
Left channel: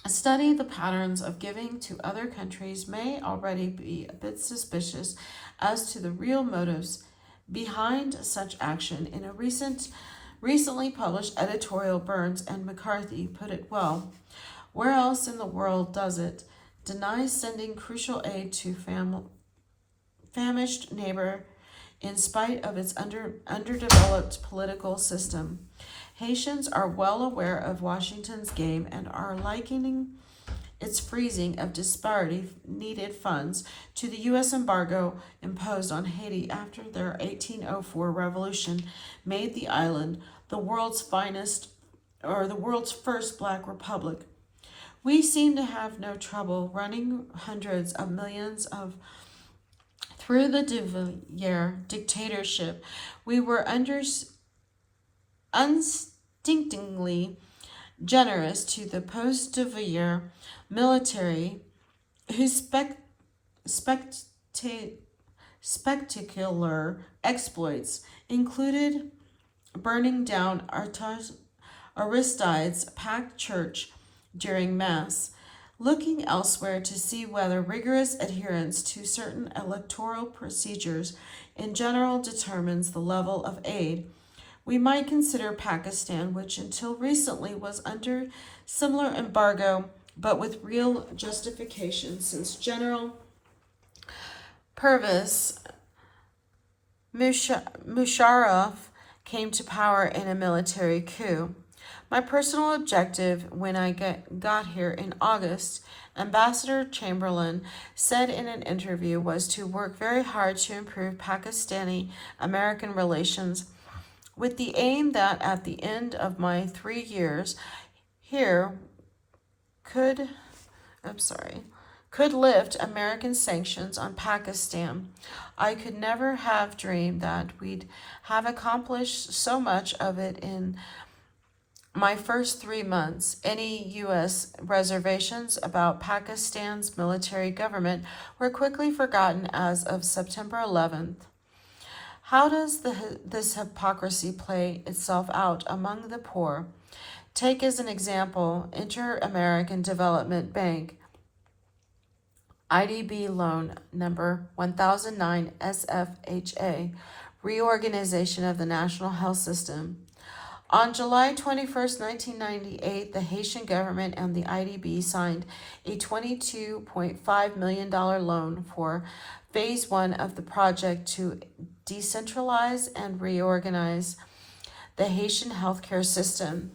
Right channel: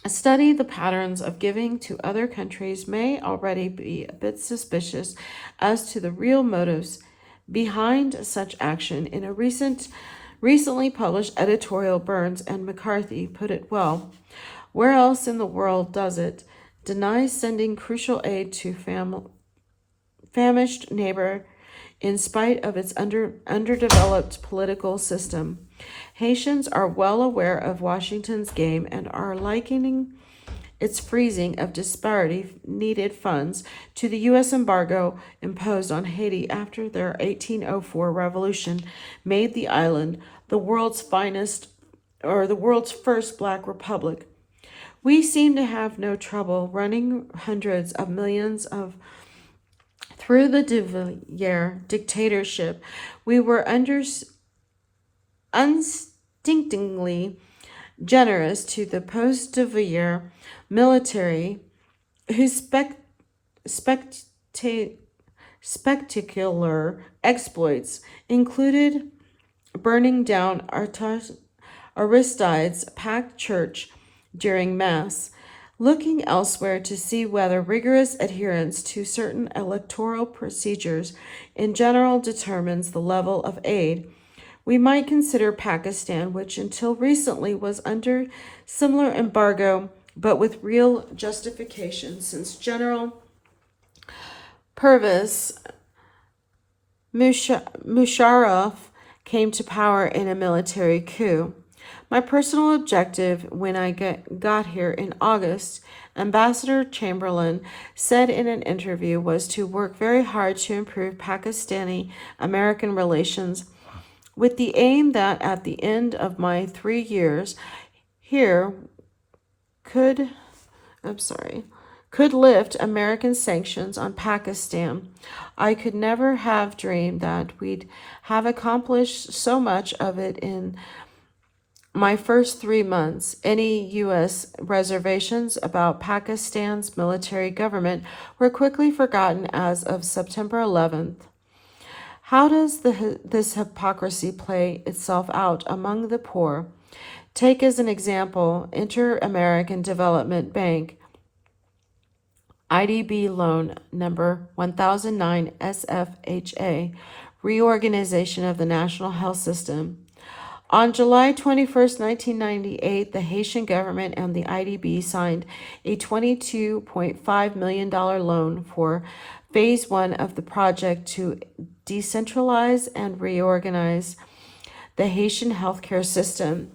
study the patterns of giving to other countries may already be a bit suspicious as to the real motives behind such action. In a recently published editorial, Burns and McCarthy put it well. Where else in the world does it deny sending crucial aid to famished neighbor in spite of its underdeveloped political system? Haitians are well aware of Washington's game and are likening its freezing of disparity needed funds to the U.S. embargo imposed on Haiti after their 1804 revolution made the island the world's first black republic. We seem to have no trouble running hundreds of millions through the de Villiers dictatorship. We were unstintingly generous to the post-de Villiers military, whose spectacular exploits included burning down Aristide's packed church during Mass. Looking elsewhere to see whether rigorous adherence to certain electoral procedures in general determines the level of aid, we might consider Pakistan, which until recently was under similar embargo, but with real justification, since General Pervez Musharraf came to power in a military coup. My personal objective when I got here in August, Ambassador Chamberlain said in an interview, was to work very hard to improve Pakistani-American relations with the aim that at the end of my 3 years here could lift American sanctions on Pakistan. I could never have dreamed that we'd have accomplished so much of it in my first 3 months. Any U.S. reservations about Pakistan's military government were quickly forgotten as of September 11th. How does this hypocrisy play itself out among the poor? Take as an example Inter-American Development Bank, IDB loan number 1009 SFHA, reorganization of the national health system. On July 21, 1998, the Haitian government and the IDB signed a $22.5 million loan for Phase 1 of the project to decentralize and reorganize the Haitian healthcare system.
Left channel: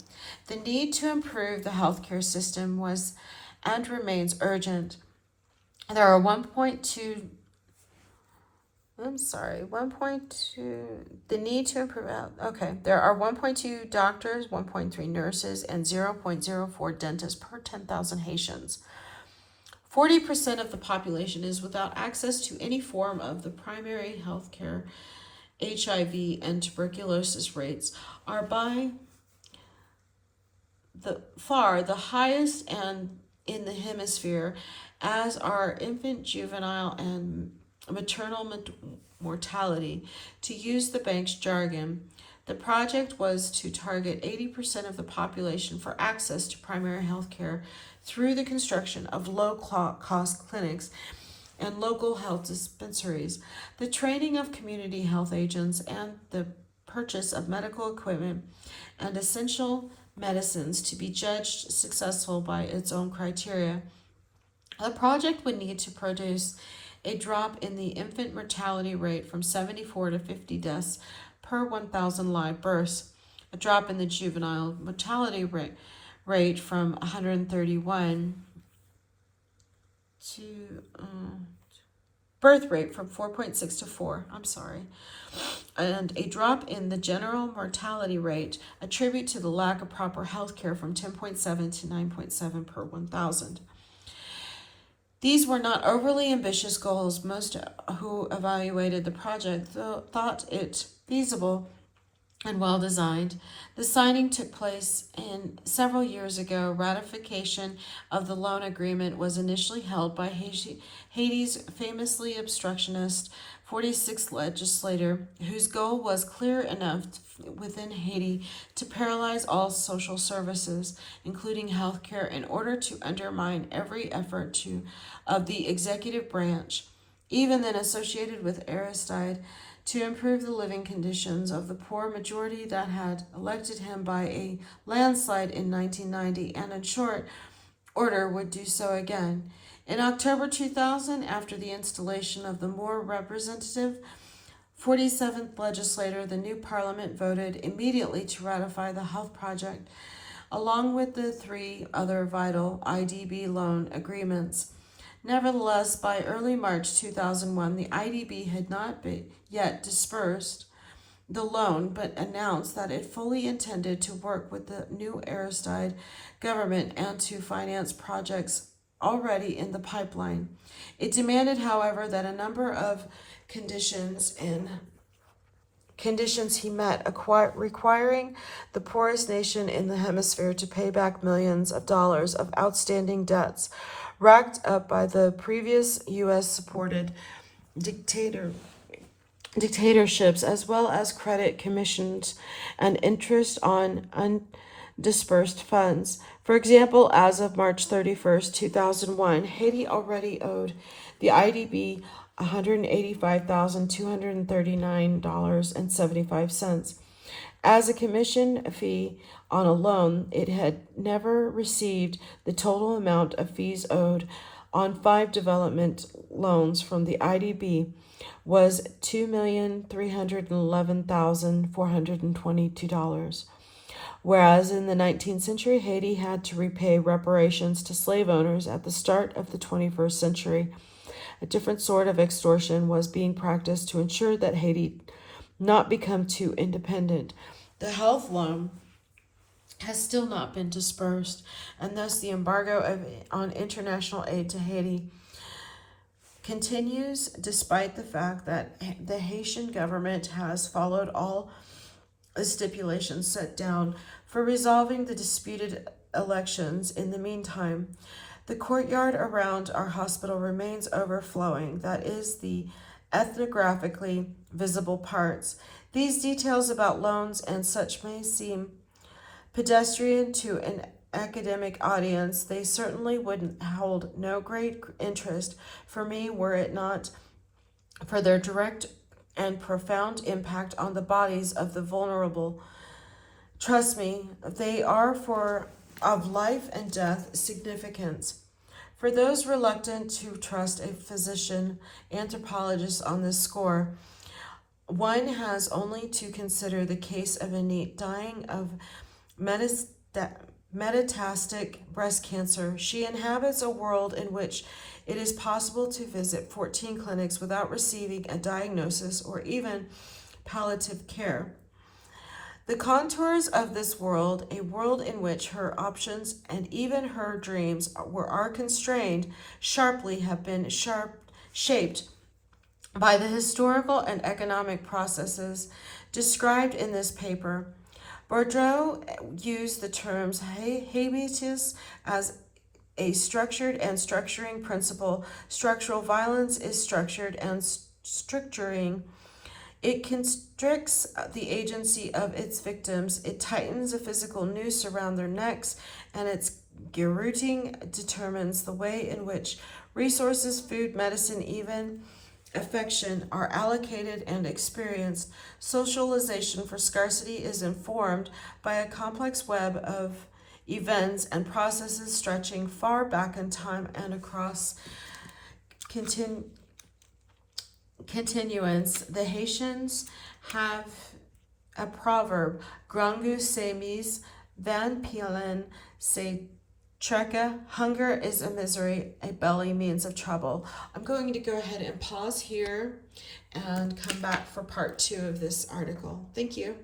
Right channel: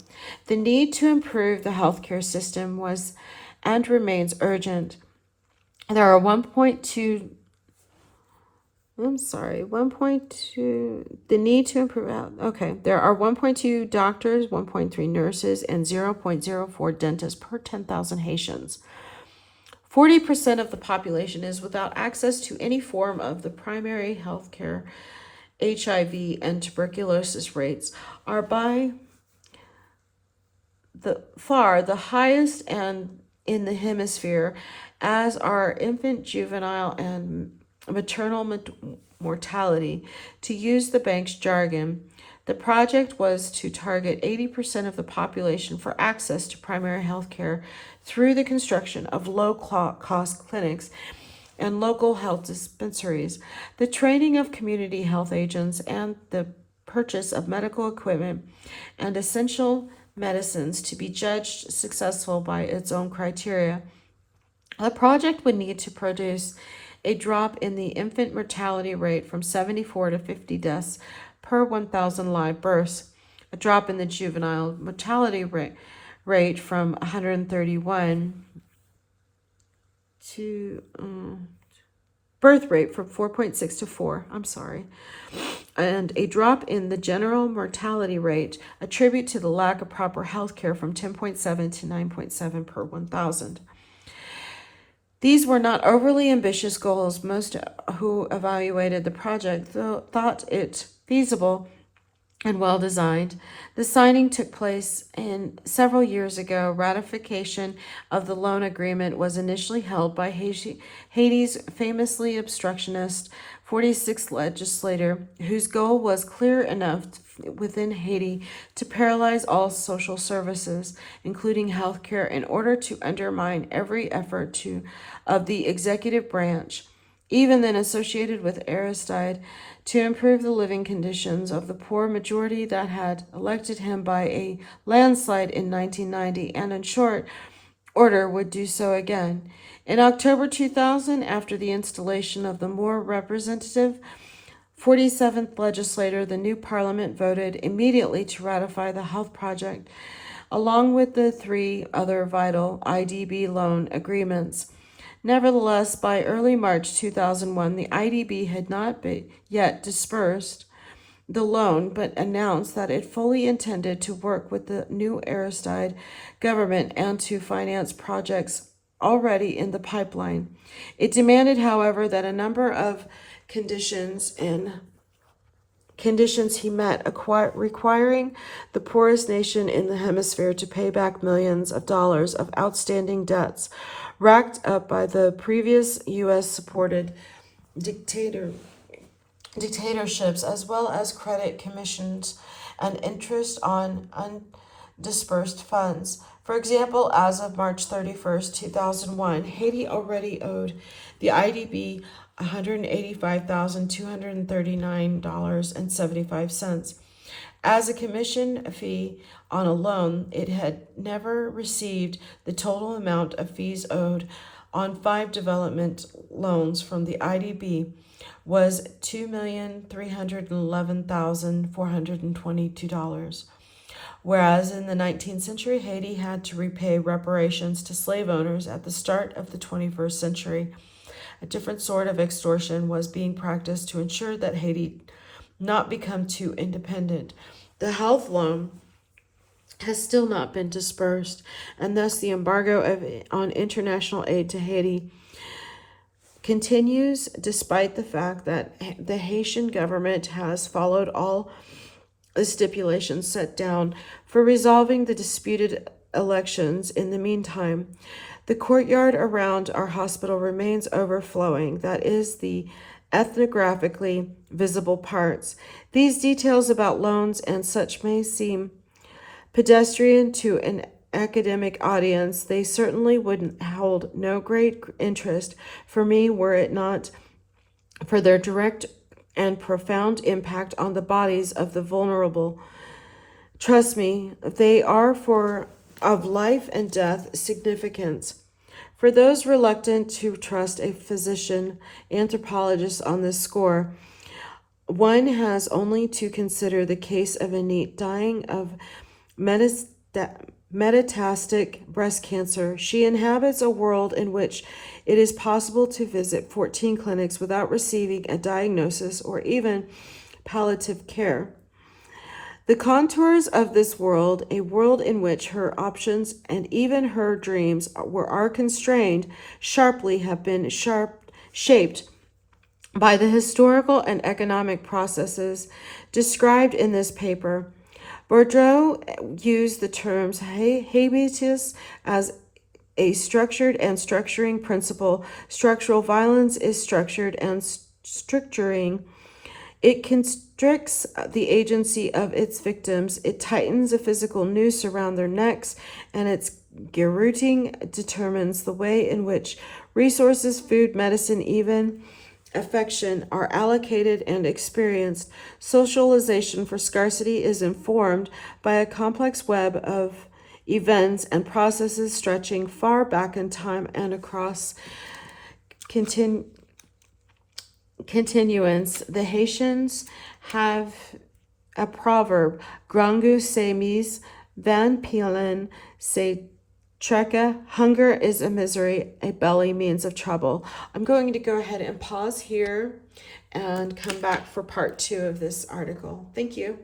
The need to improve the healthcare system was and remains urgent. There are 1.2 I'm sorry, 1.2, the need to improve. Okay, there are 1.2 doctors, 1.3 nurses, and 0.04 dentists per 10,000 Haitians. 40% of the population is without access to any form of the primary health care. HIV and tuberculosis rates are by far the highest and in the hemisphere, as are infant, juvenile, and maternal mortality. To use the bank's jargon, the project was to target 80% of the population for access to primary health care through the construction of low-cost clinics and local health dispensaries, the training of community health agents, and the purchase of medical equipment and essential medicines to be judged successful by its own criteria. The project would need to produce a drop in the infant mortality rate from 74 to 50 deaths per 1,000 live births, a drop in the juvenile mortality rate from 131 to birth rate from 4.6 to 4, and a drop in the general mortality rate, attribute to the lack of proper health care from 10.7 to 9.7 per 1,000. These were not overly ambitious goals. Most who evaluated the project thought it feasible and well designed. The signing took place several years ago. Ratification of the loan agreement was initially held by Haiti's famously obstructionist 46th legislator, whose goal was clear enough within Haiti to paralyze all social services, including health care, in order to undermine every effort of the executive branch, even then associated with Aristide, to improve the living conditions of the poor majority that had elected him by a landslide in 1990, and in short order would do so again. In October 2000, after the installation of the more representative 47th legislature, the new parliament voted immediately to ratify the health project, along with the 3 other vital IDB loan agreements. Nevertheless, by early March 2001, the IDB had not yet dispersed the loan, but announced that it fully intended to work with the new Aristide government and to finance projects already in the pipeline. It demanded, however, that a number of conditions he met, requiring the poorest nation in the hemisphere to pay back millions of dollars of outstanding debts racked up by the previous U.S.-supported dictatorships, as well as credit commissions and interest on undisbursed funds. For example, as of March 31st, 2001, Haiti already owed the IDB $185,239.75. As a commission fee on a loan, it had never received the total amount of fees owed on 5 development loans from the IDB was $2,311,422. Whereas in the 19th century, Haiti had to repay reparations to slave owners at the start of the 21st century. A different sort of extortion was being practiced to ensure that Haiti not become too independent. The health loan has still not been dispersed, and thus the embargo on international aid to Haiti continues, despite the fact that the Haitian government has followed all the stipulations set down for resolving the disputed elections. In the meantime, the courtyard around our hospital remains overflowing, that is, the ethnographically visible parts. These details about loans and such may seem pedestrian to an academic audience. They certainly would hold no great interest for me were it not for their direct and profound impact on the bodies of the vulnerable. Trust me, they are of life and death significance. For those reluctant to trust a physician anthropologist on this score, one has only to consider the case of Annette dying of metastatic breast cancer. She inhabits a world in which it is possible to visit 14 clinics without receiving a diagnosis or even palliative care. The contours of this world, a world in which her options and even her dreams are constrained sharply, have been shaped by the historical and economic processes described in this paper. Bourdieu used the terms habitus as a structured and structuring principle. Structural violence is structured and structuring. It constricts the agency of its victims. It tightens a physical noose around their necks, and its garroting determines the way in which resources, food, medicine, even affection are allocated and experienced. Socialization for scarcity is informed by a complex web of events and processes stretching far back in time and across continuance. The Haitians have a proverb, Grangu se mis, van pielen se treka. Hunger is a misery, a belly means of trouble. I'm going to go ahead and pause here and come back for part 2 of this article. Thank you.